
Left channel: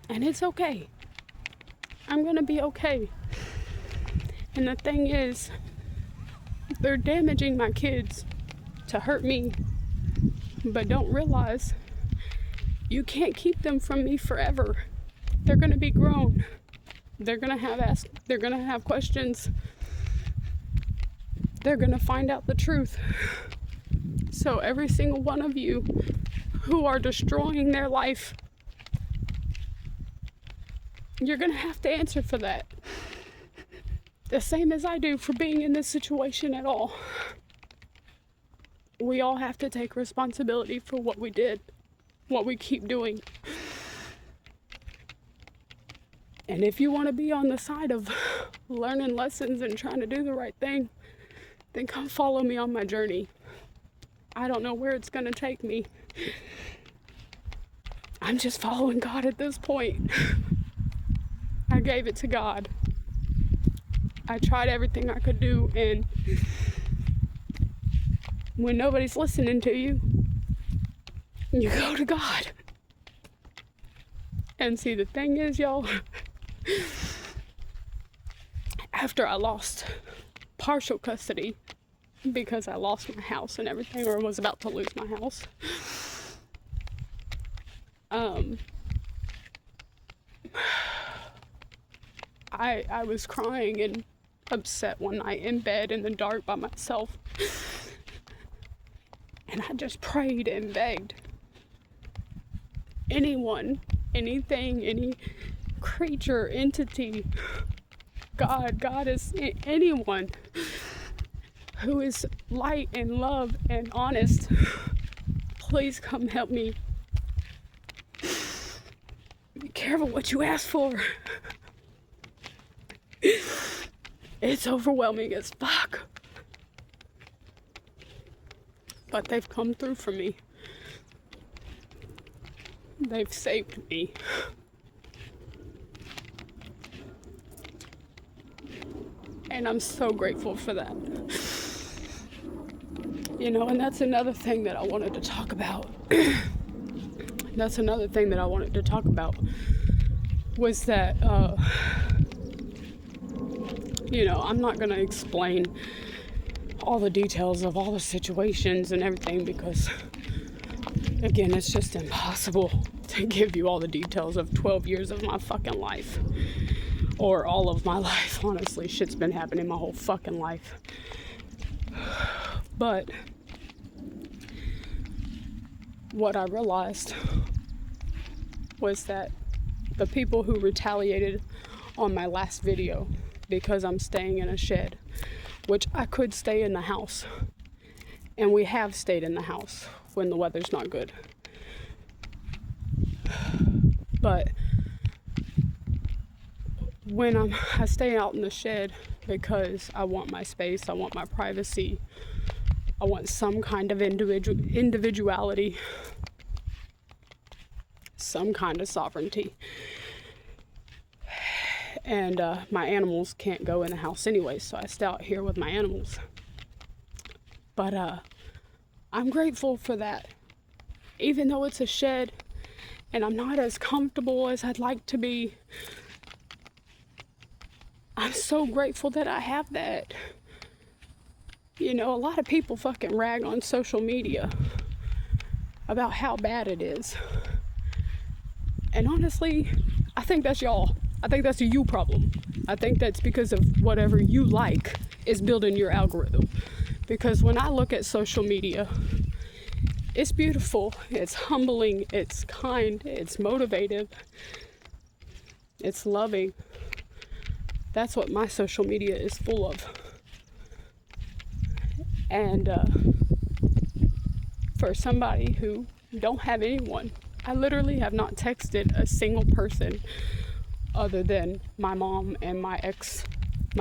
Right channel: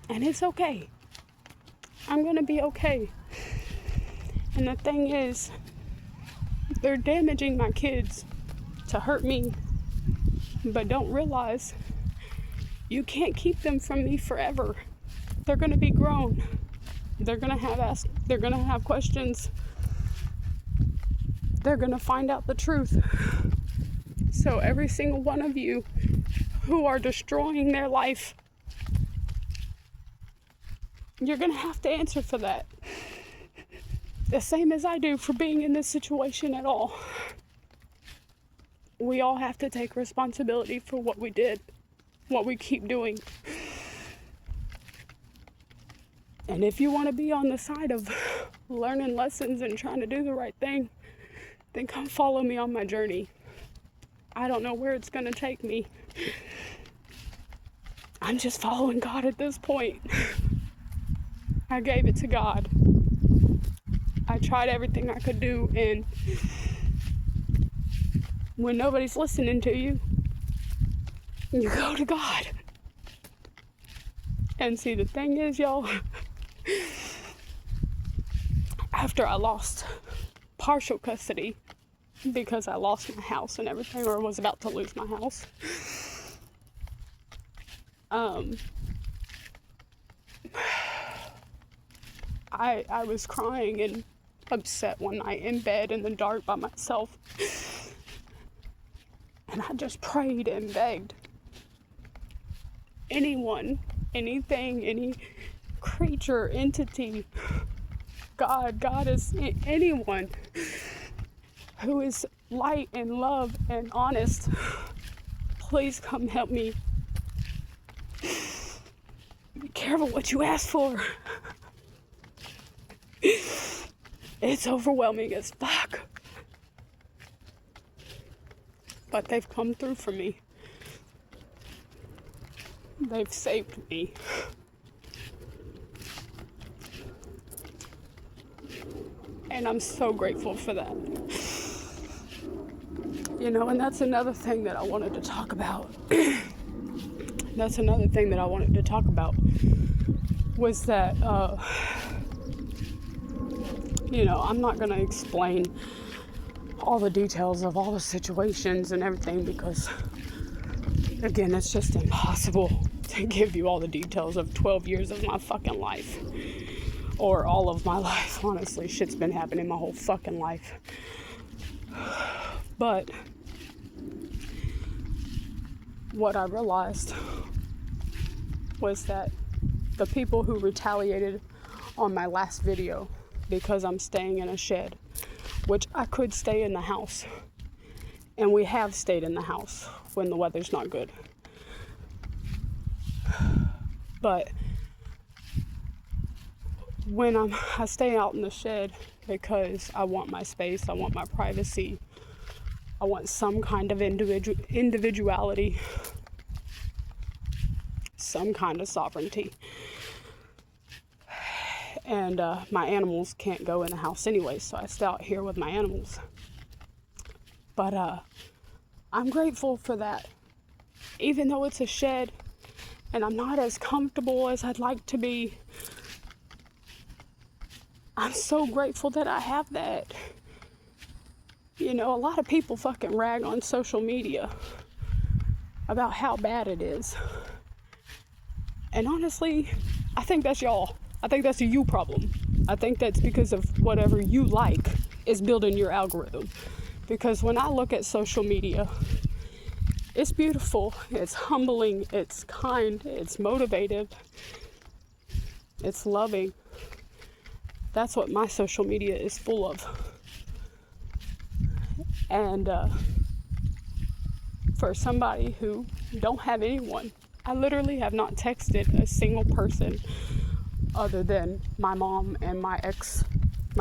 and it's okay. I'm gonna be okay. And the thing is, they're damaging my kids to hurt me, but don't realize you can't keep them from me forever. They're gonna be grown. They're gonna have questions. They're gonna find out the truth. So every single one of you who are destroying their life, you're gonna have to answer for that. The same as I do for being in this situation at all. We all have to take responsibility for what we did, what we keep doing. And if you want to be on the side of learning lessons and trying to do the right thing, then come follow me on my journey. I don't know where it's going to take me. I'm just following God at this point. I gave it to God. I tried everything I could do, and when nobody's listening to you, you go to God. And see, the thing is, y'all, after I lost partial custody because I lost my house and everything, or was about to lose my house, I was crying and upset one night in bed in the dark by myself, and I just prayed and begged anyone, anything, any creature, entity, God is anyone who is light and love and honest, please come help me. Be careful what you ask for. It's overwhelming as fuck. But they've come through for me. They've saved me. And I'm so grateful for that. You know, and that's another thing that I wanted to talk about. Was that, you know, I'm not going to explain all the details of all the situations and everything because, again, it's just impossible to give you all the details of 12 years of my fucking life. Or all of my life, honestly. Shit's been happening my whole fucking life. But what I realized was that the people who retaliated on my last video because I'm staying in a shed, which I could stay in the house, and we have stayed in the house when the weather's not good, but when I stay out in the shed because I want my space, I want my privacy, I want some kind of individuality, some kind of sovereignty. And my animals can't go in the house anyway, so I stay out here with my animals. But I'm grateful for that. Even though it's a shed and I'm not as comfortable as I'd like to be, I'm so grateful that I have that. You know, a lot of people fucking rag on social media about how bad it is. And honestly, I think that's y'all. I think that's a you problem. I think that's because of whatever you like is building your algorithm. Because when I look at social media, it's beautiful, it's humbling, it's kind, it's motivative, it's loving. That's what my social media is full of. And for somebody who don't have anyone, I literally have not texted a single person other than my mom and my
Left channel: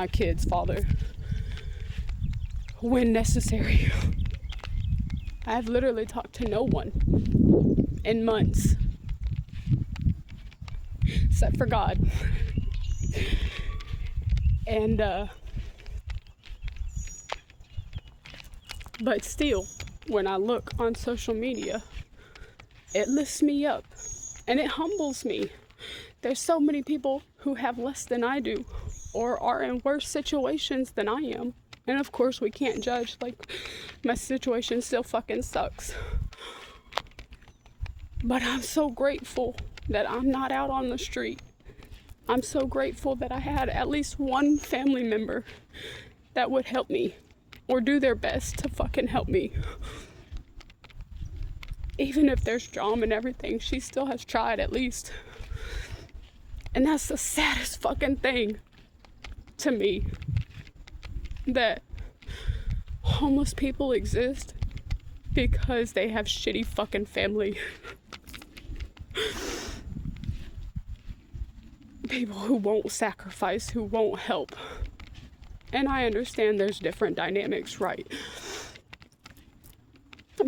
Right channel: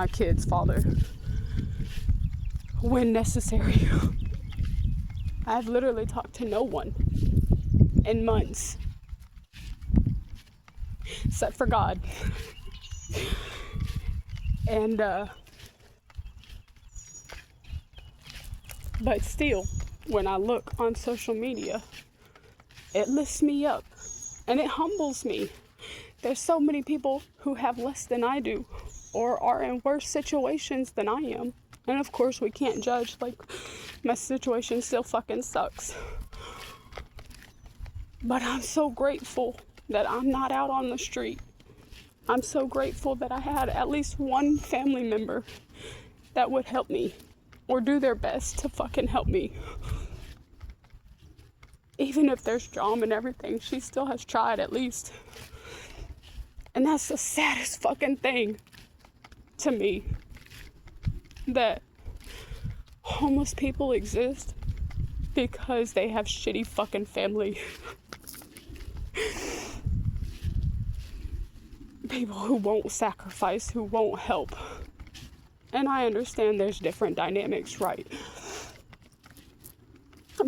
kid's father, when necessary. I've literally talked to no one in months, except for God. And but still, when I look on social media, it lifts me up and it humbles me. There's so many people who have less than I do, or are in worse situations than I am. And of course, we can't judge. Like, my situation still fucking sucks. But I'm so grateful that I'm not out on the street. I'm so grateful that I had at least one family member that would help me, or do their best to fucking help me. Even if there's drama and everything, she still has tried at least. And that's the saddest fucking thing to me, that homeless people exist because they have shitty fucking family. People who won't sacrifice, who won't help. And I understand there's different dynamics, right?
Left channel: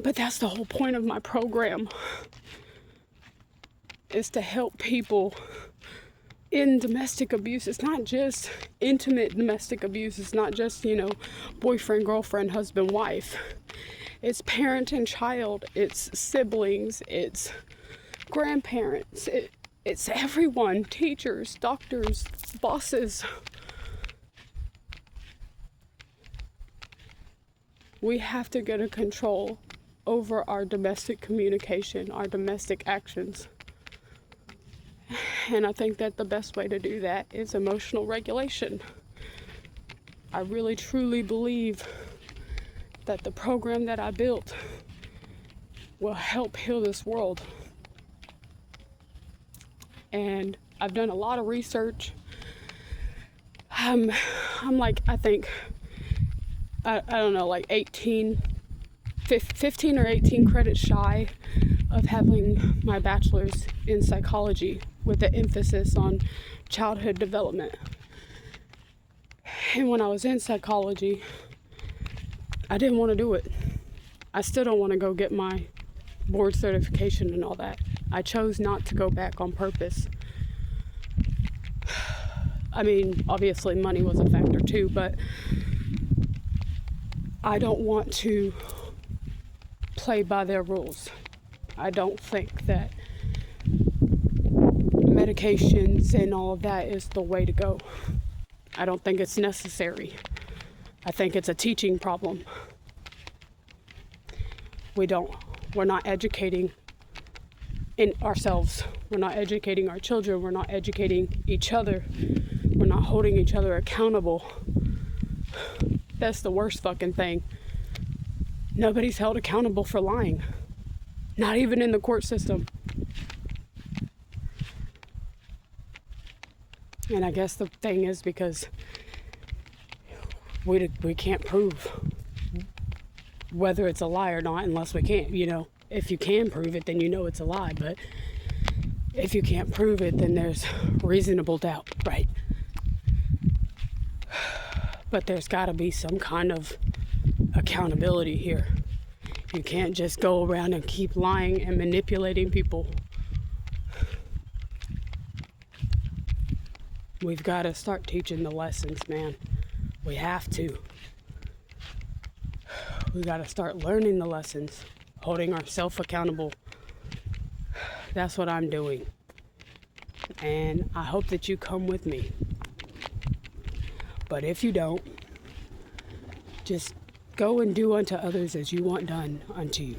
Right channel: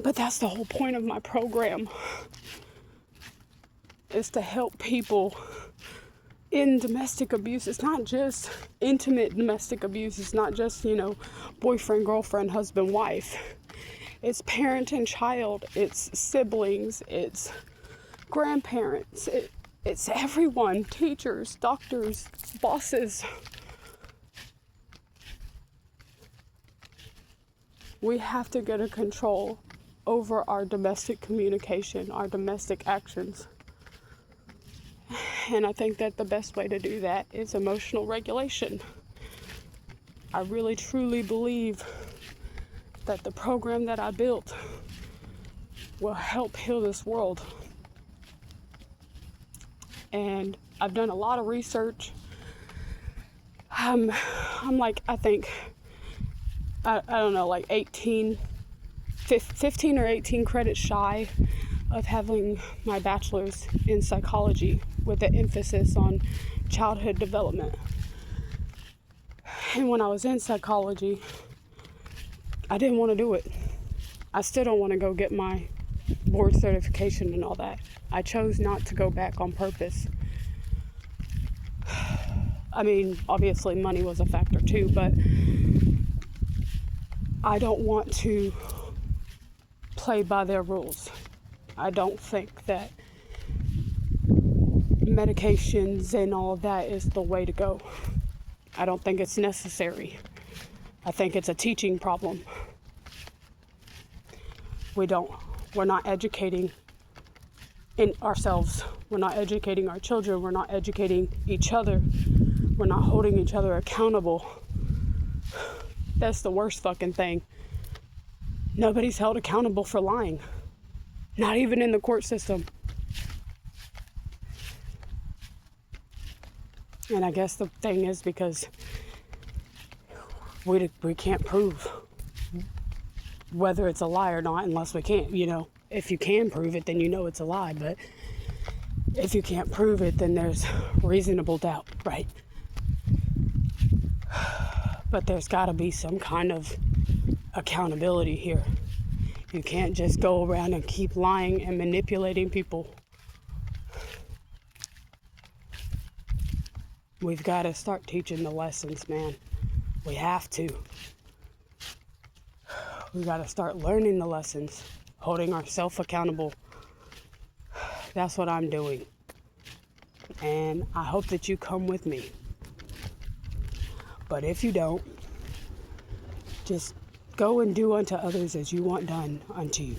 But that's the whole point of my program, is to help people in domestic abuse. It's not just intimate domestic abuse. It's not just, boyfriend, girlfriend, husband, wife. It's parent and child. It's siblings. It's grandparents. It's everyone. Teachers, doctors, bosses. We have to get a control over our domestic communication, our domestic actions. And I think that the best way to do that is emotional regulation. I really truly believe that the program that I built will help heal this world. And I've done a lot of research. I'm like, I think, I don't know, like 15 or 18 credits shy of having my bachelor's in psychology, with an emphasis on childhood development. And when I was in psychology, I didn't want to do it. I still don't want to go get my board certification and all that. I chose not to go back on purpose. I mean, obviously money was a factor too, but I don't want to play by their rules. I don't think that medications and all of that is the way to go. I don't think it's necessary. I think it's a teaching problem. We're not educating in ourselves. We're not educating our children. We're not educating each other. We're not holding each other accountable. That's the worst fucking thing. Nobody's held accountable for lying. Not even in the court system. And I guess the thing is because we can't prove whether it's a lie or not unless we can't, If you can prove it, then it's a lie. But if you can't prove it, then there's reasonable doubt, right? But there's got to be some kind of accountability here. You can't just go around and keep lying and manipulating people. We've got to start teaching the lessons, man. We have to. We got to start learning the lessons, holding ourselves accountable. That's what I'm doing. And I hope that you come with me. But if you don't, just go and do unto others as you want done unto you.